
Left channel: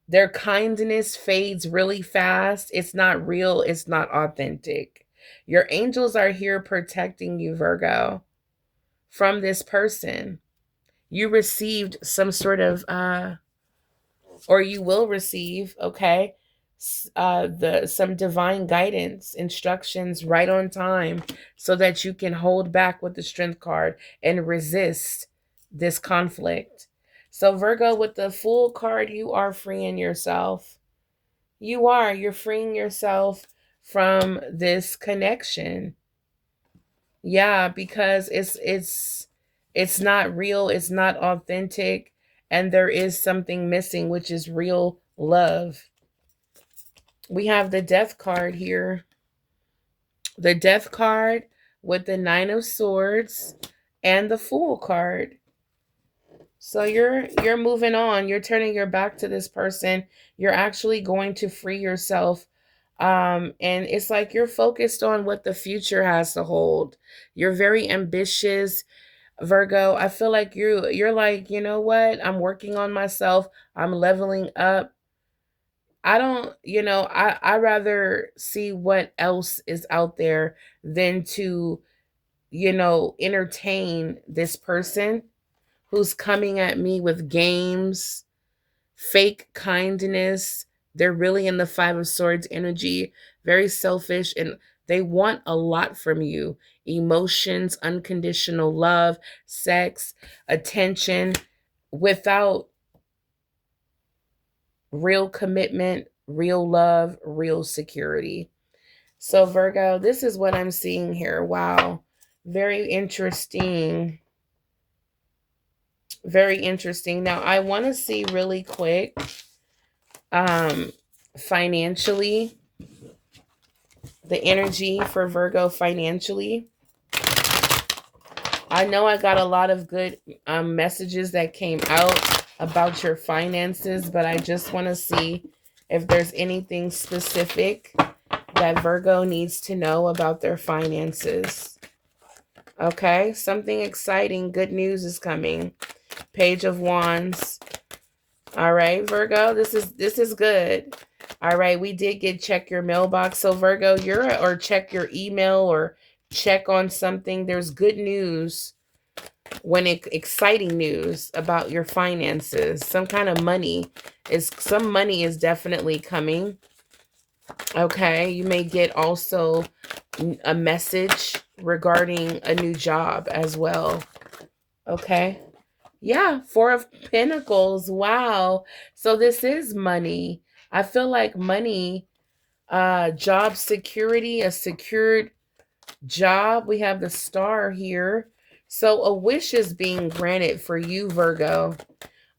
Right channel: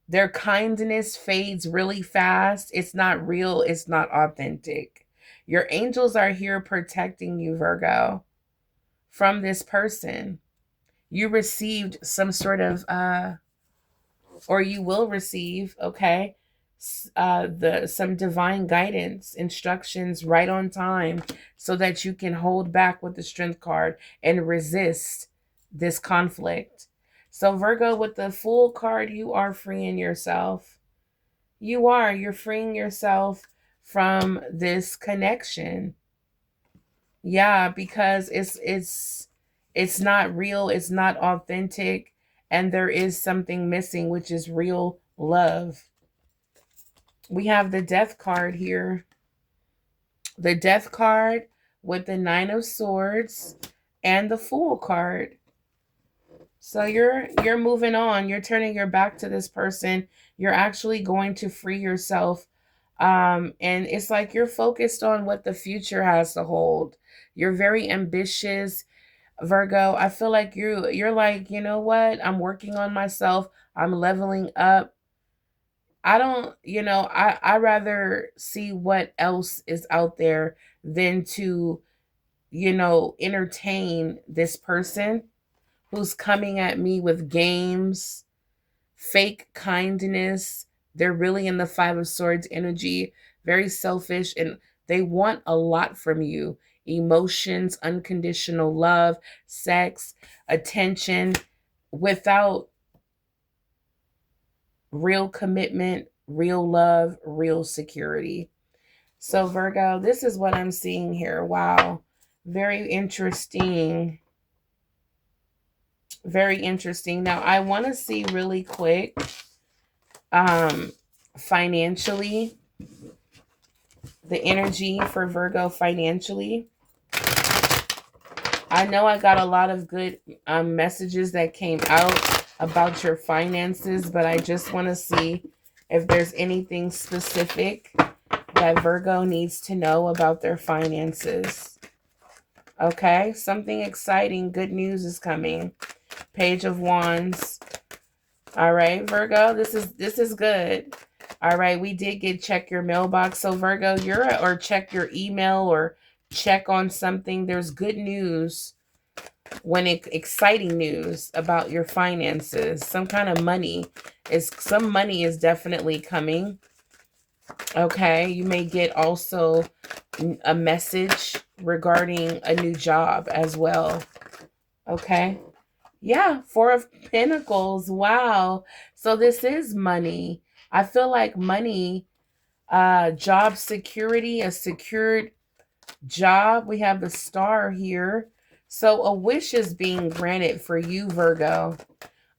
Their kindness fades really fast. It's not real. It's not authentic. Your angels are here protecting you, Virgo, from this person. You received some sort of or you will receive, okay, the some divine guidance, instructions right on time, so that you can hold back with the Strength card and resist this conflict. So Virgo, with the Fool card, you are freeing yourself. You're freeing yourself from this connection. Yeah, because it's not real, it's not authentic, and there is something missing, which is real love. We have the Death card here. The Death card with the 9 of Swords and the Fool card. So you're moving on. You're turning your back to this person. You're actually going to free yourself. And it's like you're focused on what the future has to hold. You're very ambitious, Virgo. I feel like you're like, you know what? I'm working on myself. I'm leveling up. I don't, I rather see what else is out there than to, entertain this person who's coming at me with games, fake kindness. They're really in the 5 of Swords energy, very selfish, and they want a lot from you: emotions, unconditional love, sex, attention, without real commitment real love, real security. So Virgo, this is what I'm seeing here. Wow. Very interesting. Very interesting. Now I want to see really quick um financially, the energy for Virgo financially. I know I got a lot of good messages that came out about your finances, but I just want to see if there's anything specific that Virgo needs to know about their finances. Okay, something exciting, good news is coming. Page of Wands. All right, Virgo, this is good. All right, we did get check your mailbox. So Virgo, or check your email or check on something. There's good news exciting news about your finances. Some money is definitely coming. Okay, you may get also a message regarding a new job as well. Okay. Yeah, Four of Pentacles. Wow. So this is money. I feel like money, job security, a secured job. We have the star here. So a wish is being granted for you, Virgo.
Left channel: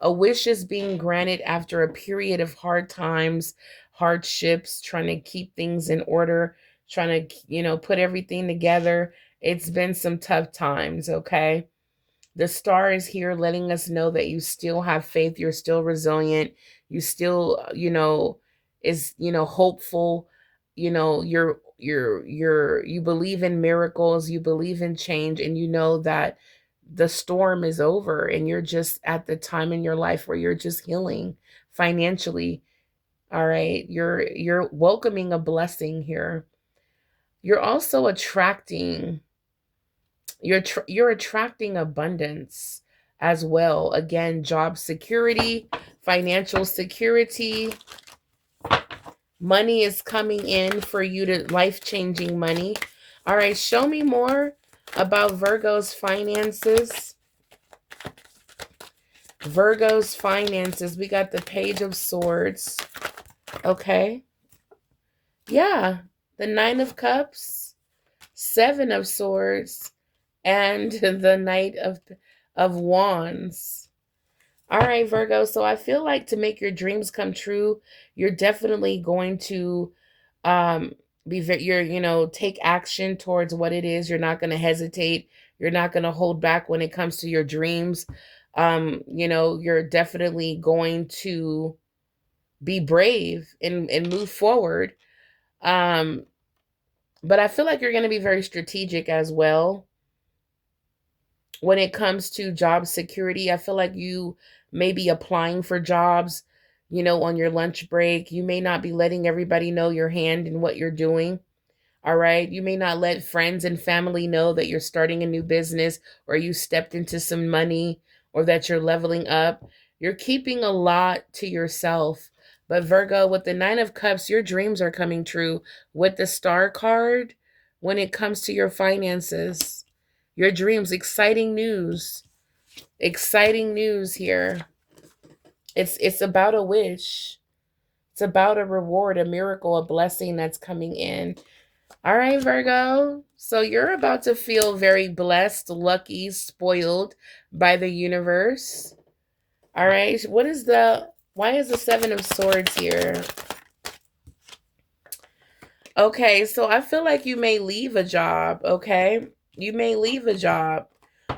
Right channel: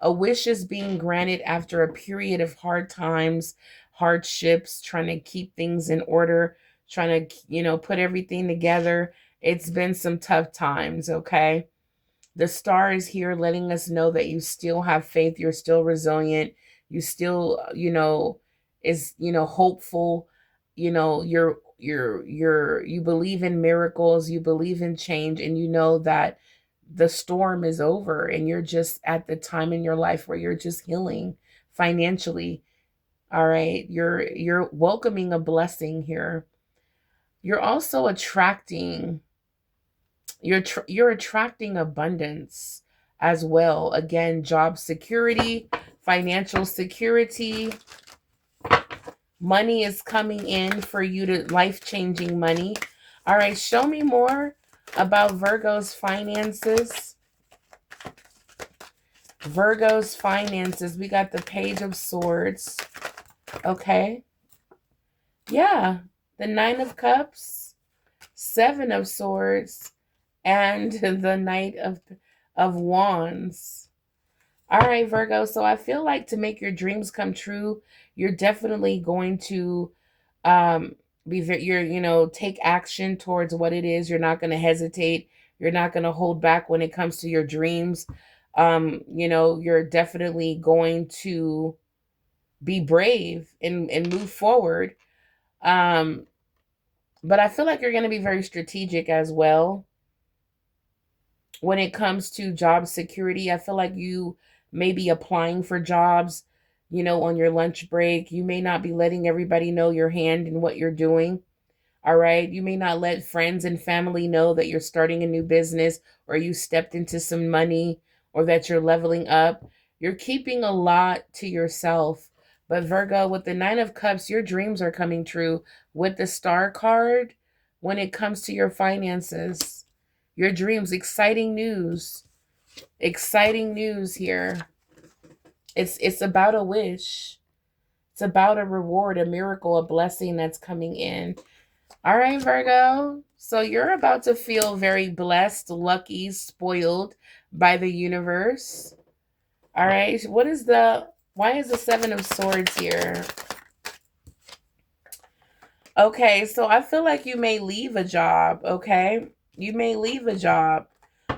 A wish is being granted after a period of hard times, hardships, trying to keep things in order, trying to, put everything together. It's been some tough times, okay? The star is here letting us know that you still have faith, you're still resilient, you still, hopeful, you believe in miracles, you believe in change, and you know that the storm is over and you're just at the time in your life where you're just healing financially. All right, you're welcoming a blessing here. You're also attracting you're attracting abundance as well. Again, job security, financial security. Money is coming in for you, to life-changing money. All right, show me more about Virgo's finances. Virgo's finances. We got the Page of Swords. Okay. Yeah. The Nine of Cups, Seven of Swords, and the Knight of Wands. All right, Virgo. So I feel like to make your dreams come true, you're definitely going to take action towards what it is. You're not going to hesitate. You're not going to hold back when it comes to your dreams. You're definitely going to be brave and move forward. But I feel like you're going to be very strategic as well when it comes to job security. I feel like you may be applying for jobs, on your lunch break. You may not be letting everybody know your hand and what you're doing. All right. You may not let friends and family know that you're starting a new business, or you stepped into some money, or that you're leveling up. You're keeping a lot to yourself. But Virgo, with the Nine of Cups, your dreams are coming true. With the Star card, when it comes to your finances, your dreams, exciting news. Exciting news here. It's about a wish. It's about a reward, a miracle, a blessing that's coming in. All right, Virgo. So you're about to feel very blessed, lucky, spoiled by the universe. All right. Why is the Seven of Swords here? Okay, so I feel like you may leave a job, okay? You may leave a job.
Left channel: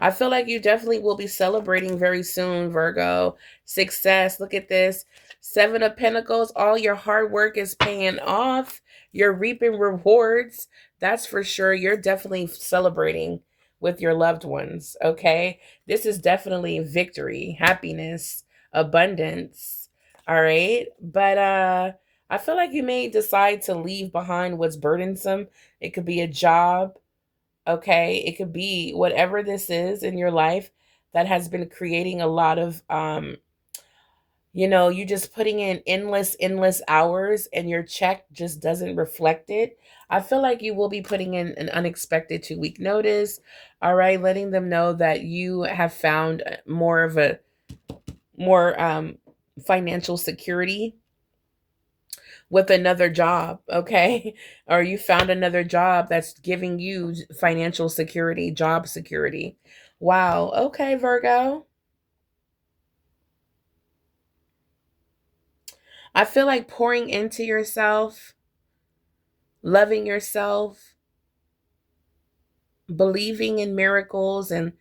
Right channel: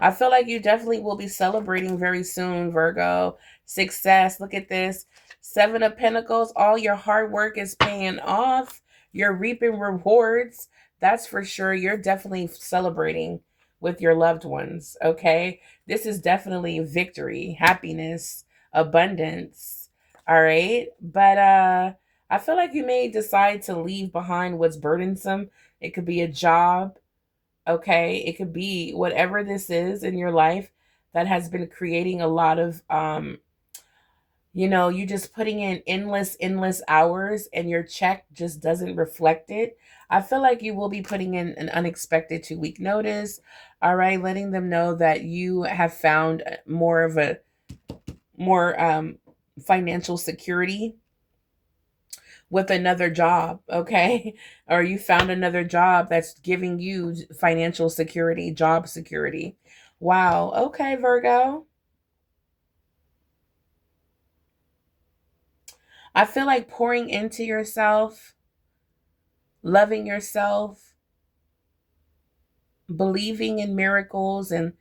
I feel like you definitely will be celebrating very soon, Virgo. Success. Look at this. Seven of Pentacles. All your hard work is paying off. You're reaping rewards. That's for sure. You're definitely celebrating with your loved ones, okay? This is definitely victory, happiness, abundance. All right? But I feel like you may decide to leave behind what's burdensome. It could be a job, okay? It could be whatever this is in your life that has been creating a lot of, you just putting in endless hours and your check just doesn't reflect it. I feel like you will be putting in an unexpected 2-week notice, all right? Letting them know that you have found more financial security with another job, okay? Or you found another job that's giving you financial security, job security. Wow. Okay, Virgo. I feel like pouring into yourself, loving yourself, believing in miracles and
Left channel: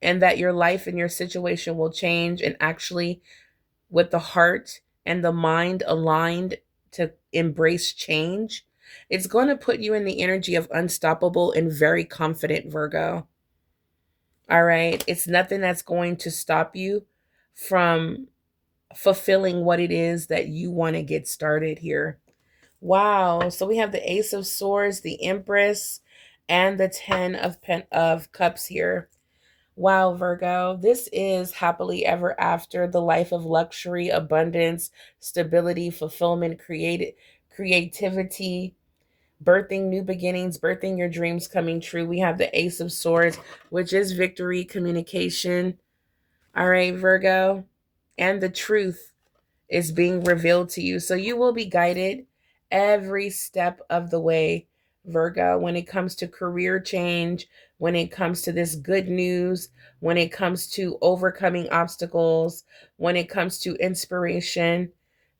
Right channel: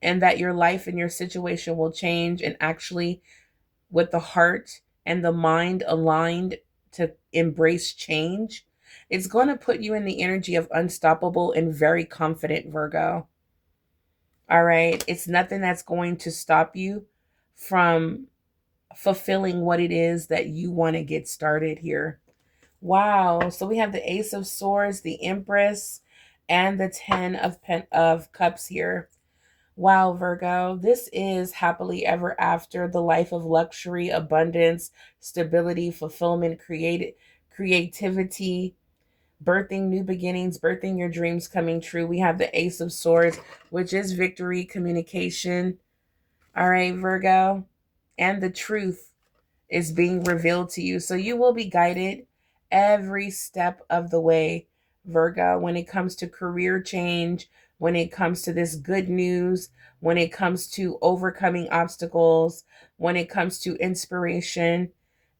that your life and your situation will change, and actually with the heart and the mind aligned to embrace change, it's going to put you in the energy of unstoppable and very confident, Virgo. All right. It's nothing that's going to stop you from fulfilling what it is that you want to get started here. Wow. So we have the Ace of Swords, the Empress, and the Ten of Cups here. Wow, Virgo, this is happily ever after, the life of luxury, abundance, stability, fulfillment, creativity, birthing new beginnings, birthing your dreams coming true. We have the Ace of Swords, which is victory, communication. All right, Virgo, and the truth is being revealed to you. So you will be guided every step of the way, Virgo, when it comes to career change, when it comes to this good news, when it comes to overcoming obstacles, when it comes to inspiration.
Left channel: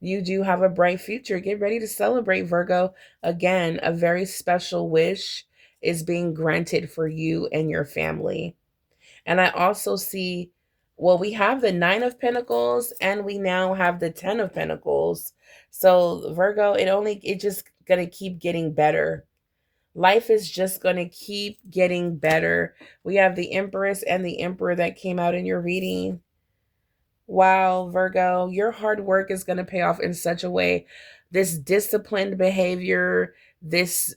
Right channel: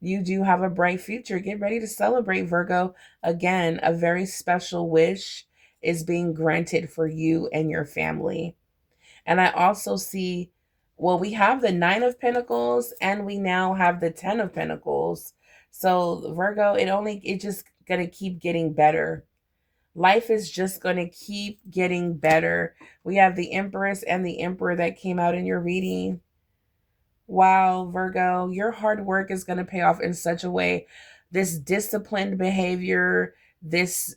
You do have a bright future. Get ready to celebrate, Virgo. Again, a very special wish is being granted for you and your family. And I also see, well, we have the Nine of Pentacles and we now have the Ten of Pentacles. So Virgo, it just gonna keep getting better. Life is just gonna keep getting better. We have the Empress and the Emperor that came out in your reading. Wow, Virgo, your hard work is going to pay off in such a way. This disciplined behavior, this,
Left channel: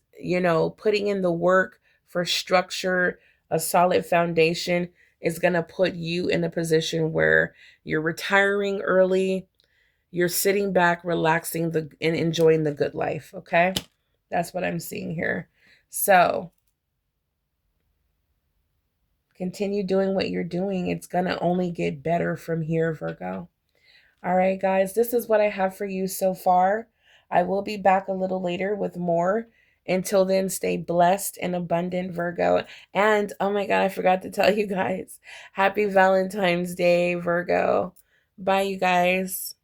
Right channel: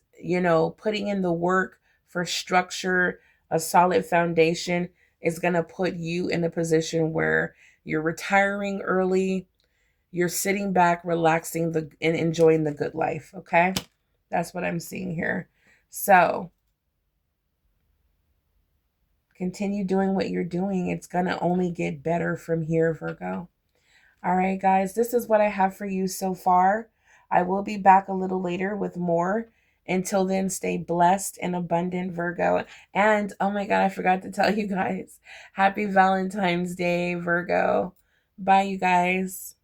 putting in the work for structure, a solid foundation is going to put you in a position where you're retiring early, you're sitting back, relaxing and enjoying the good life, okay? That's what I'm seeing here. So, continue doing what you're doing. It's going to only get better from here, Virgo. All right, guys, this is what I have for you so far. I will be back a little later with more. Until then, stay blessed and abundant, Virgo. And oh my God, I forgot to tell you guys, happy Valentine's Day, Virgo. Bye, you guys.